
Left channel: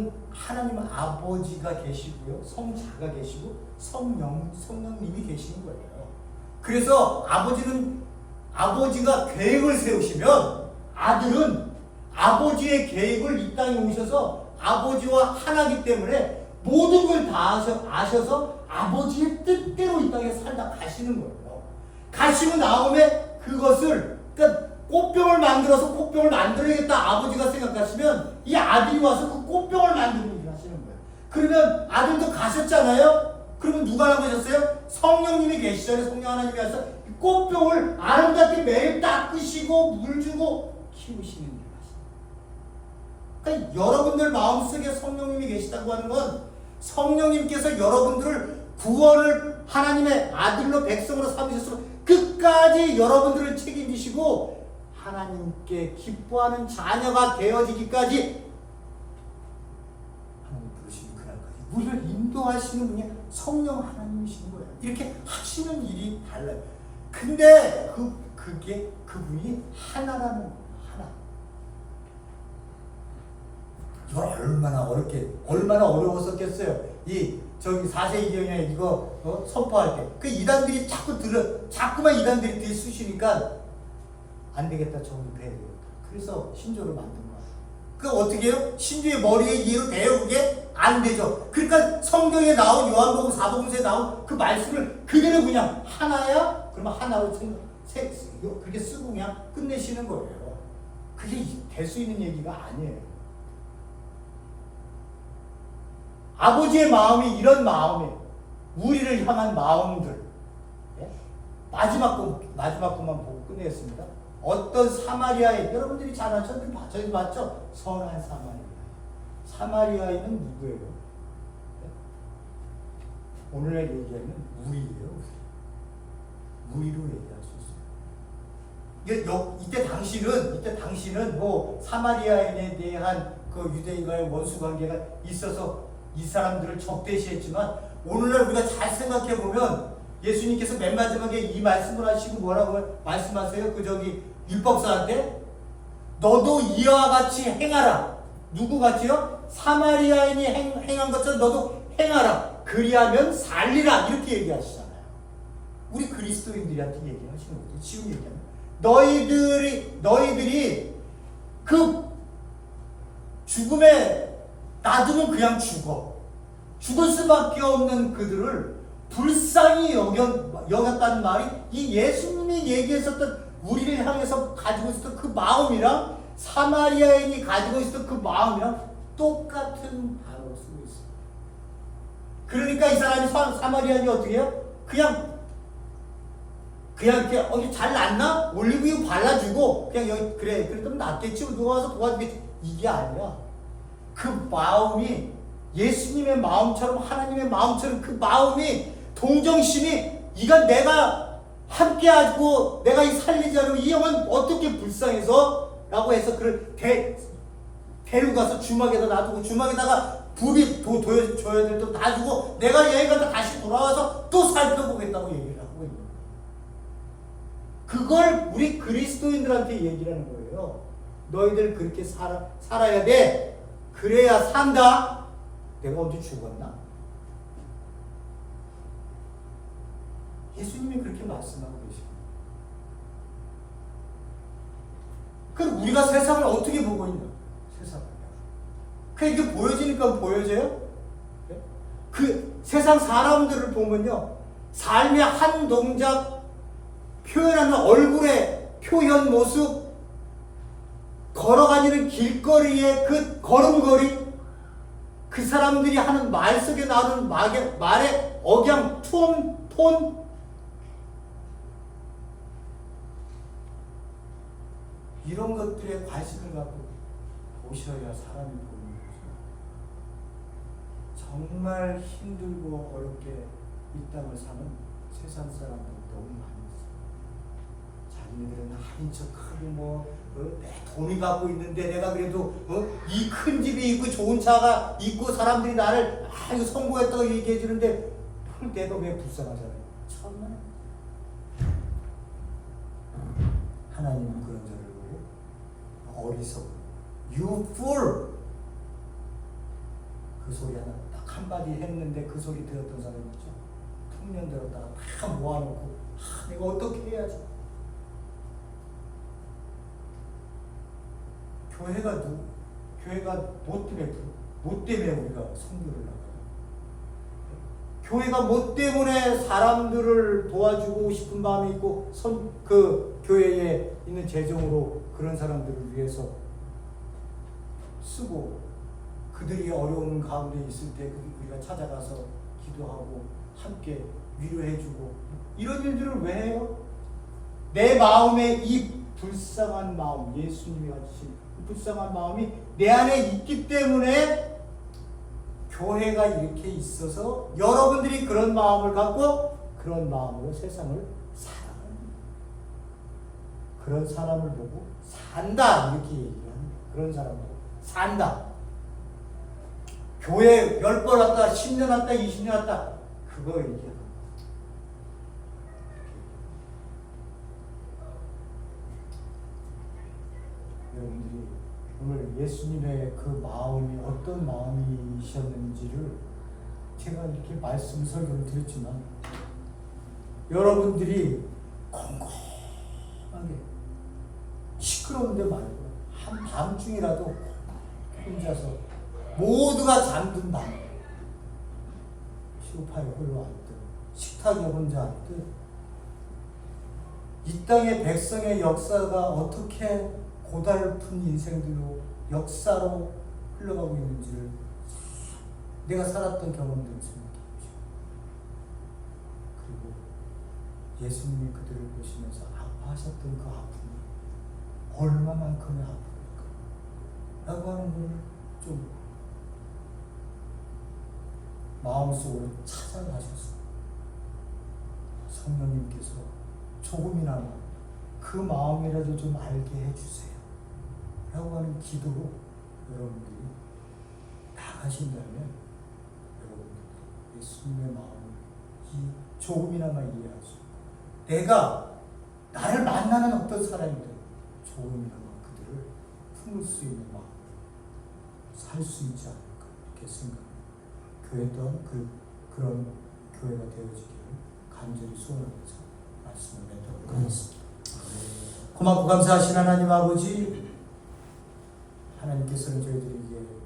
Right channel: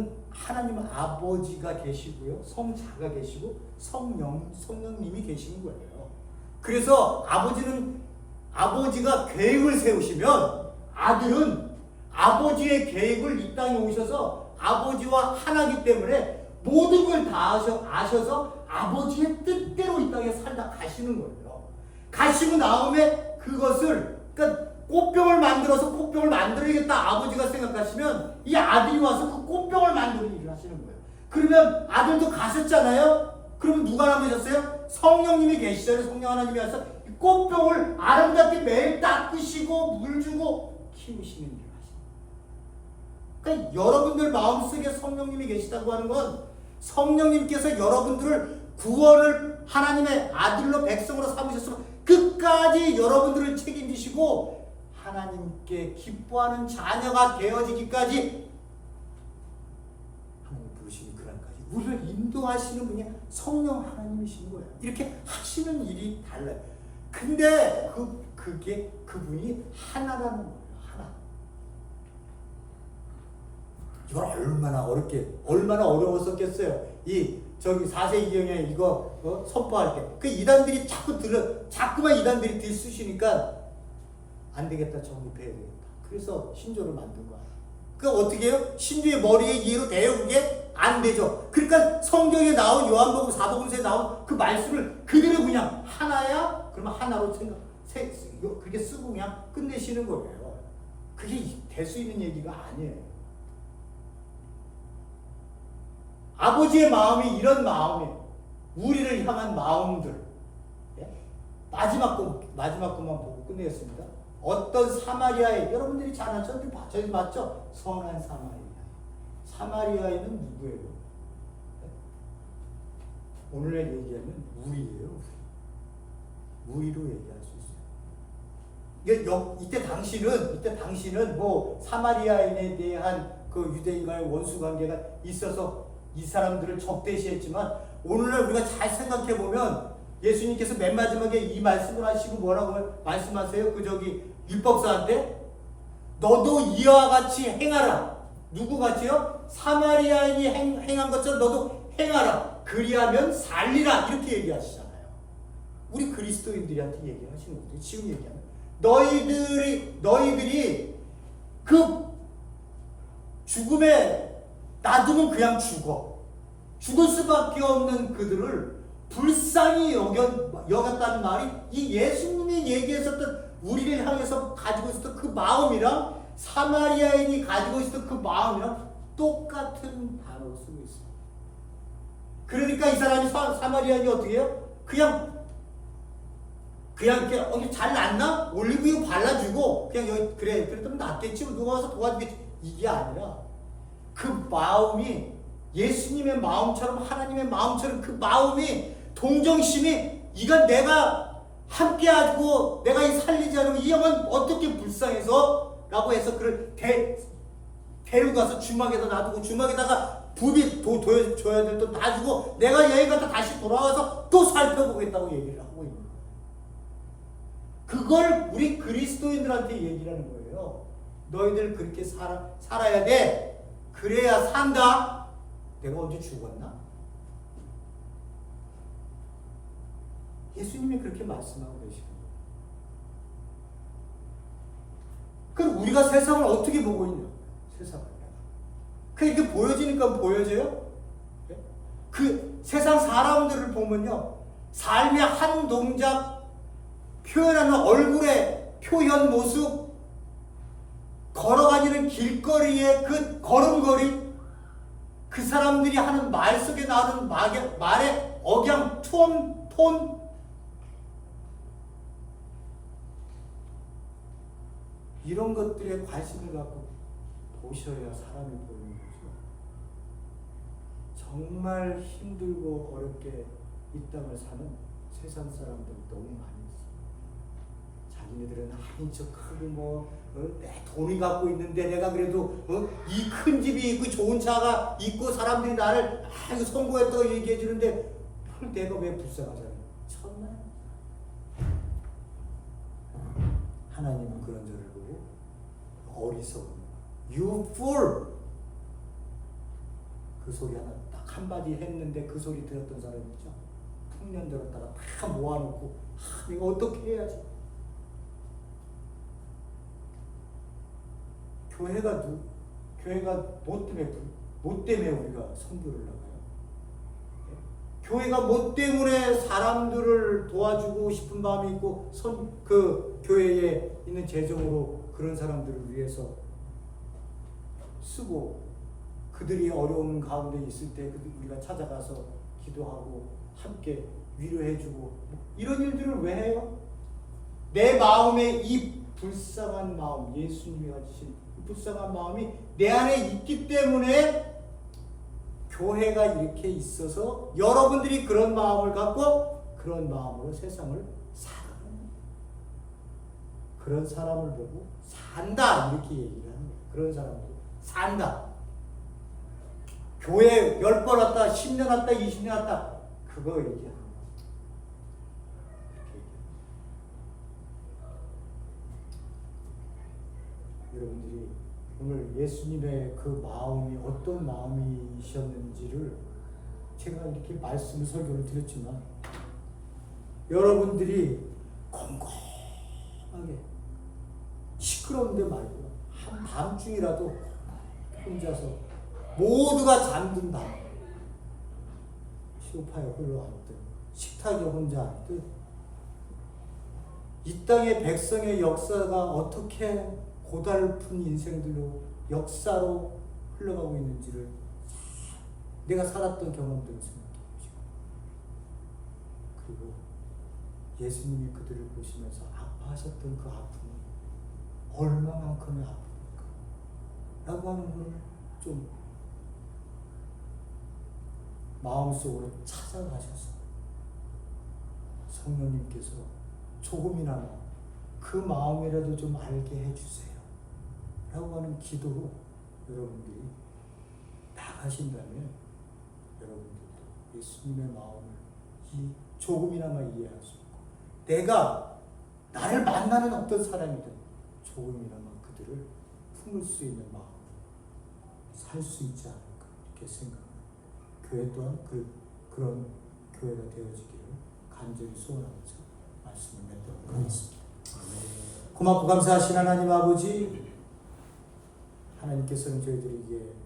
되죠. 하나님 아버지가 계시고요. 성자가 계시고 성령님이 계시는 거예요. 그래서 아버지가 계획을 세우시면 아들은 아버지의 계획을 이 땅에 오셔서 아버지와 하나기 때문에 모든 걸 다 아셔서 아버지의 뜻대로 이 땅에 살다 가시는 거예요. 가시고 나오면 그것을 꽃병을 만들어서 꽃병을 만들어야겠다 아버지가 생각하시면 이 아들이 와서 그 꽃병을 만드는 일을 하시는 거예요. 그러면 아들도 가셨잖아요. 그러면 누가 남으셨어요? 성령님이 계시잖아요. 성령 하나님이 와서 이 꽃병을 아름답게 매일 닦으시고 물 주고 키우시는 일을 하십니다. 그러니까 여러분들 마음속에 성령님이 계시다고 하는 건 성령님께서 여러분들을 구원을 하나님의 아들로 백성으로 삼으셨으면 끝까지 여러분들을 책임지시고 하나님께 기뻐하는 자녀가 되어지기까지 하나님 부르시는 그날까지 우리를 인도하시는 분이 성령 하나님이신 거예요. 이렇게 하시는 일이 달라요. 근데 그게 그분이 하나라는 거예요. 하나. 이걸 얼마나 어려웠었겠어요. 저기 4세기경에 이거 선포할 때 그 이단들이 자꾸만 이단들이 들쑤시니까 안 되겠다, 정립해야 되겠다. 그래서 신조를 만든 거야. 그 어떻게 해요? 신조의 머리에 이해로 돼요? 그게 안 되죠. 그러니까 성경에 나온 요한복음 4복음서에 나온 그 말씀을 그대로 그냥 하나야? 그러면 하나로 그렇게 쓰고 그냥 끝내시는 거예요. 그게 될 수 있는 얘기가 아니에요. 아버지의 마음이 이런 마음이에요. 우리를 향한 마음들. 예? 마지막 것만 보고 끝내겠습니다. 어떤 사마리아인, 여러분들이 잘 아죠? 저희 봤죠? 선한 사마리아인은 누구예요? 예? 오늘의 얘기하면 우리예요. 우리로 얘기할 수 있어요. 이때 당시는 뭐 사마리아인에 대한 그 유대인과의 원수 관계가 있어서 이 사람들을 적대시했지만 오늘날 우리가 잘 생각해 보면 예수님께서 맨 마지막에 이 말씀을 하시고 뭐라고 말씀하세요? 율법사한테 너도 이와 같이 행하라. 누구 같이요? 사마리아인이 행한 것처럼 너도 행하라. 그리하면 살리라. 이렇게 얘기하시잖아요. 우리 그리스도인들한테 얘기하시는 거죠. 지금 얘기하면 너희들이 그 죽음에 놔두면 그냥 죽을 수밖에 없는 그들을 불쌍히 여겼다는 말이 이 예수님이 얘기했었던 우리를 향해서 가지고 있었던 그 마음이랑 사마리아인이 가지고 있었던 그 마음이랑 똑같은 단어로 쓰고 있어요. 그러니까 이 사람이 사마리아인이 어떻게 해요? 그냥 이렇게 잘 났나? 올리브유 발라주고 그냥 여기 그래 그랬더니 낫겠지. 누가 와서 도와주겠지. 이게 아니라 그 마음이 예수님의 마음처럼 하나님의 마음처럼 그 마음이 동정심이 이건 내가 함께하고 내가 이 살리지 않으면 이 영은 어떻게 불쌍해서 라고 해서 그를 데리고 가서 주막에다 놔두고 주막에다가 부비 줘야 될 또 놔주고 내가 여행 갔다 다시 돌아와서 또 살펴보겠다고 얘기를 하고 있는 거예요. 그걸 우리 그리스도인들한테 얘기를 하는 거예요. 너희들 그렇게 살아야 돼. 그래야 산다. 내가 언제 죽었나? 예수님이 그렇게 말씀하고 계십니다. 그럼 우리가 세상을 어떻게 보고 있냐? 세상을. 이렇게 보여지니까 보여져요? 그 세상 사람들을 보면요. 삶의 한 동작, 표현하는 얼굴의 표현 모습, 걸어가는 길거리의 그 걸음걸이, 그 사람들이 하는 말 속에 나오는 말의 억양, 톤, 이런 것들에 관심을 갖고 보셔야 사람이 보이는 거죠. 정말 힘들고 어렵게 이 땅을 사는 세상 사람들이 너무 많이 있어요. 자기네들은 한인 척하고 내 돈이 갖고 있는데 내가 그래도 이 큰 집이 있고 좋은 차가 있고 사람들이 나를 이거 성공했다고 얘기해 주는데 내가 왜 불쌍하잖아요. 참나. 하나님은 그런 자를 보고 어리석은 You fool! 그 소리 하나 딱 한마디 했는데 그 소리 들었던 사람 있죠? 풍년 들었다가 다 모아놓고 내가 어떻게 해야지? 교회가 뭐 때문에 우리가 선교를 나가요? 교회가 뭐 때문에 사람들을 도와주고 싶은 마음이 있고 그 교회에 있는 재정으로 그런 사람들을 위해서 쓰고 그들이 어려운 가운데 있을 때 우리가 찾아가서 기도하고 함께 위로해주고 이런 일들을 왜 해요? 내 마음에 이 불쌍한 마음, 예수님이 가지신 불쌍한 마음이 내 안에 있기 때문에 교회가 이렇게 있어서 여러분들이 그런 마음을 갖고 그런 마음으로 세상을 살아가는 거예요. 그런 사람을 보고 산다 이렇게 얘기를 하는 거예요. 그런 사람 보고 산다. 교회 10번 왔다 10년 왔다 20년 왔다 그거 얘기하는 거예요. 여러분들이 오늘 예수님의 그 마음이 어떤 마음이셨는지를 제가 이렇게 말씀 설교를 드렸지만 여러분들이 꼼꼼하게 시끄러운데 말고 한밤중이라도 혼자서 모두가 잠든 밤 소파에 홀로 앉듯 식탁에 혼자 앉듯 이 땅의 백성의 역사가 어떻게 고달픈 인생들로 역사로 흘러가고 있는지를 내가 살았던 경험들을 생각해 보시고 그리고 예수님이 그들을 보시면서 아파하셨던 그 아픔이 얼마만큼의 아픔일까 라고 하는 걸 좀 마음속으로 찾아가셔서 성령님께서 조금이나마 그 마음이라도 좀 알게 해주세요 라고 하는 기도로 여러분들이 나가신다면 여러분들도 예수님의 마음을 조금이나마 이해할 수 있고 내가 나를 만나는 어떤 사람이든 조금이나마 그들을 품을 수 있는 마음으로 살 수 있지 않을까 이렇게 생각합니다. 교회 또한 그런 교회가 되어지기를 간절히 소원하면서 말씀을 맺도록 하겠습니다. 고맙고 감사하신 하나님 아버지, 하나님께서는 저희들에게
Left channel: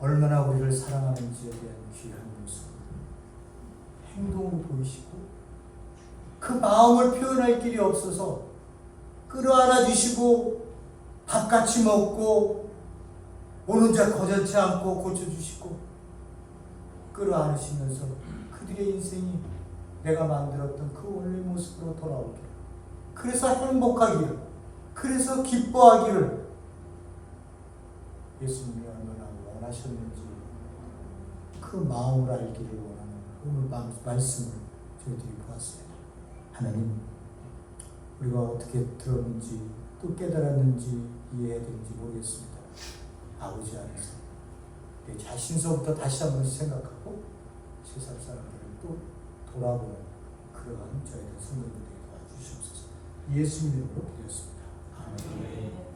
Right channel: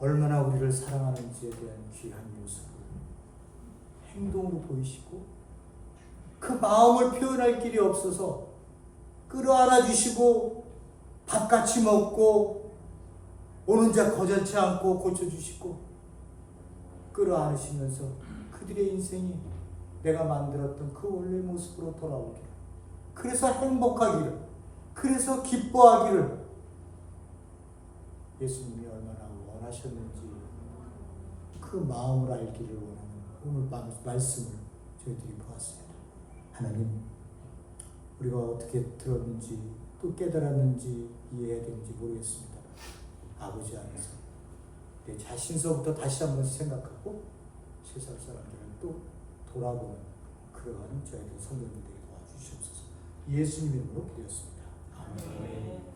얼마나 우리를 사랑하는지에 대한 귀한 모습을 행동으로 보이시고 그 마음을 표현할 길이 없어서 끌어안아 주시고 밥같이 먹고 오는 자 거절치 않고 고쳐주시고 끌어안으시면서 그들의 인생이 내가 만들었던 그 원래 모습으로 돌아오기를, 그래서 행복하기를, 그래서 기뻐하기를 예수님이 얼마나 원하셨는지 그 마음을 알기를 원하는 오늘 말씀을 저희들이 보았습니다. 하나님, 우리가 어떻게 들었는지 또 깨달았는지 이해해야 되는지 모르겠습니다. 아버지 안에서 내 자신서부터 다시 한 번씩 생각하고 세상 사람들을 또 돌아보는 그러한 저희들 성도님들에게 도와주시옵소서. 예수님 이름으로 기도했습니다. 아멘.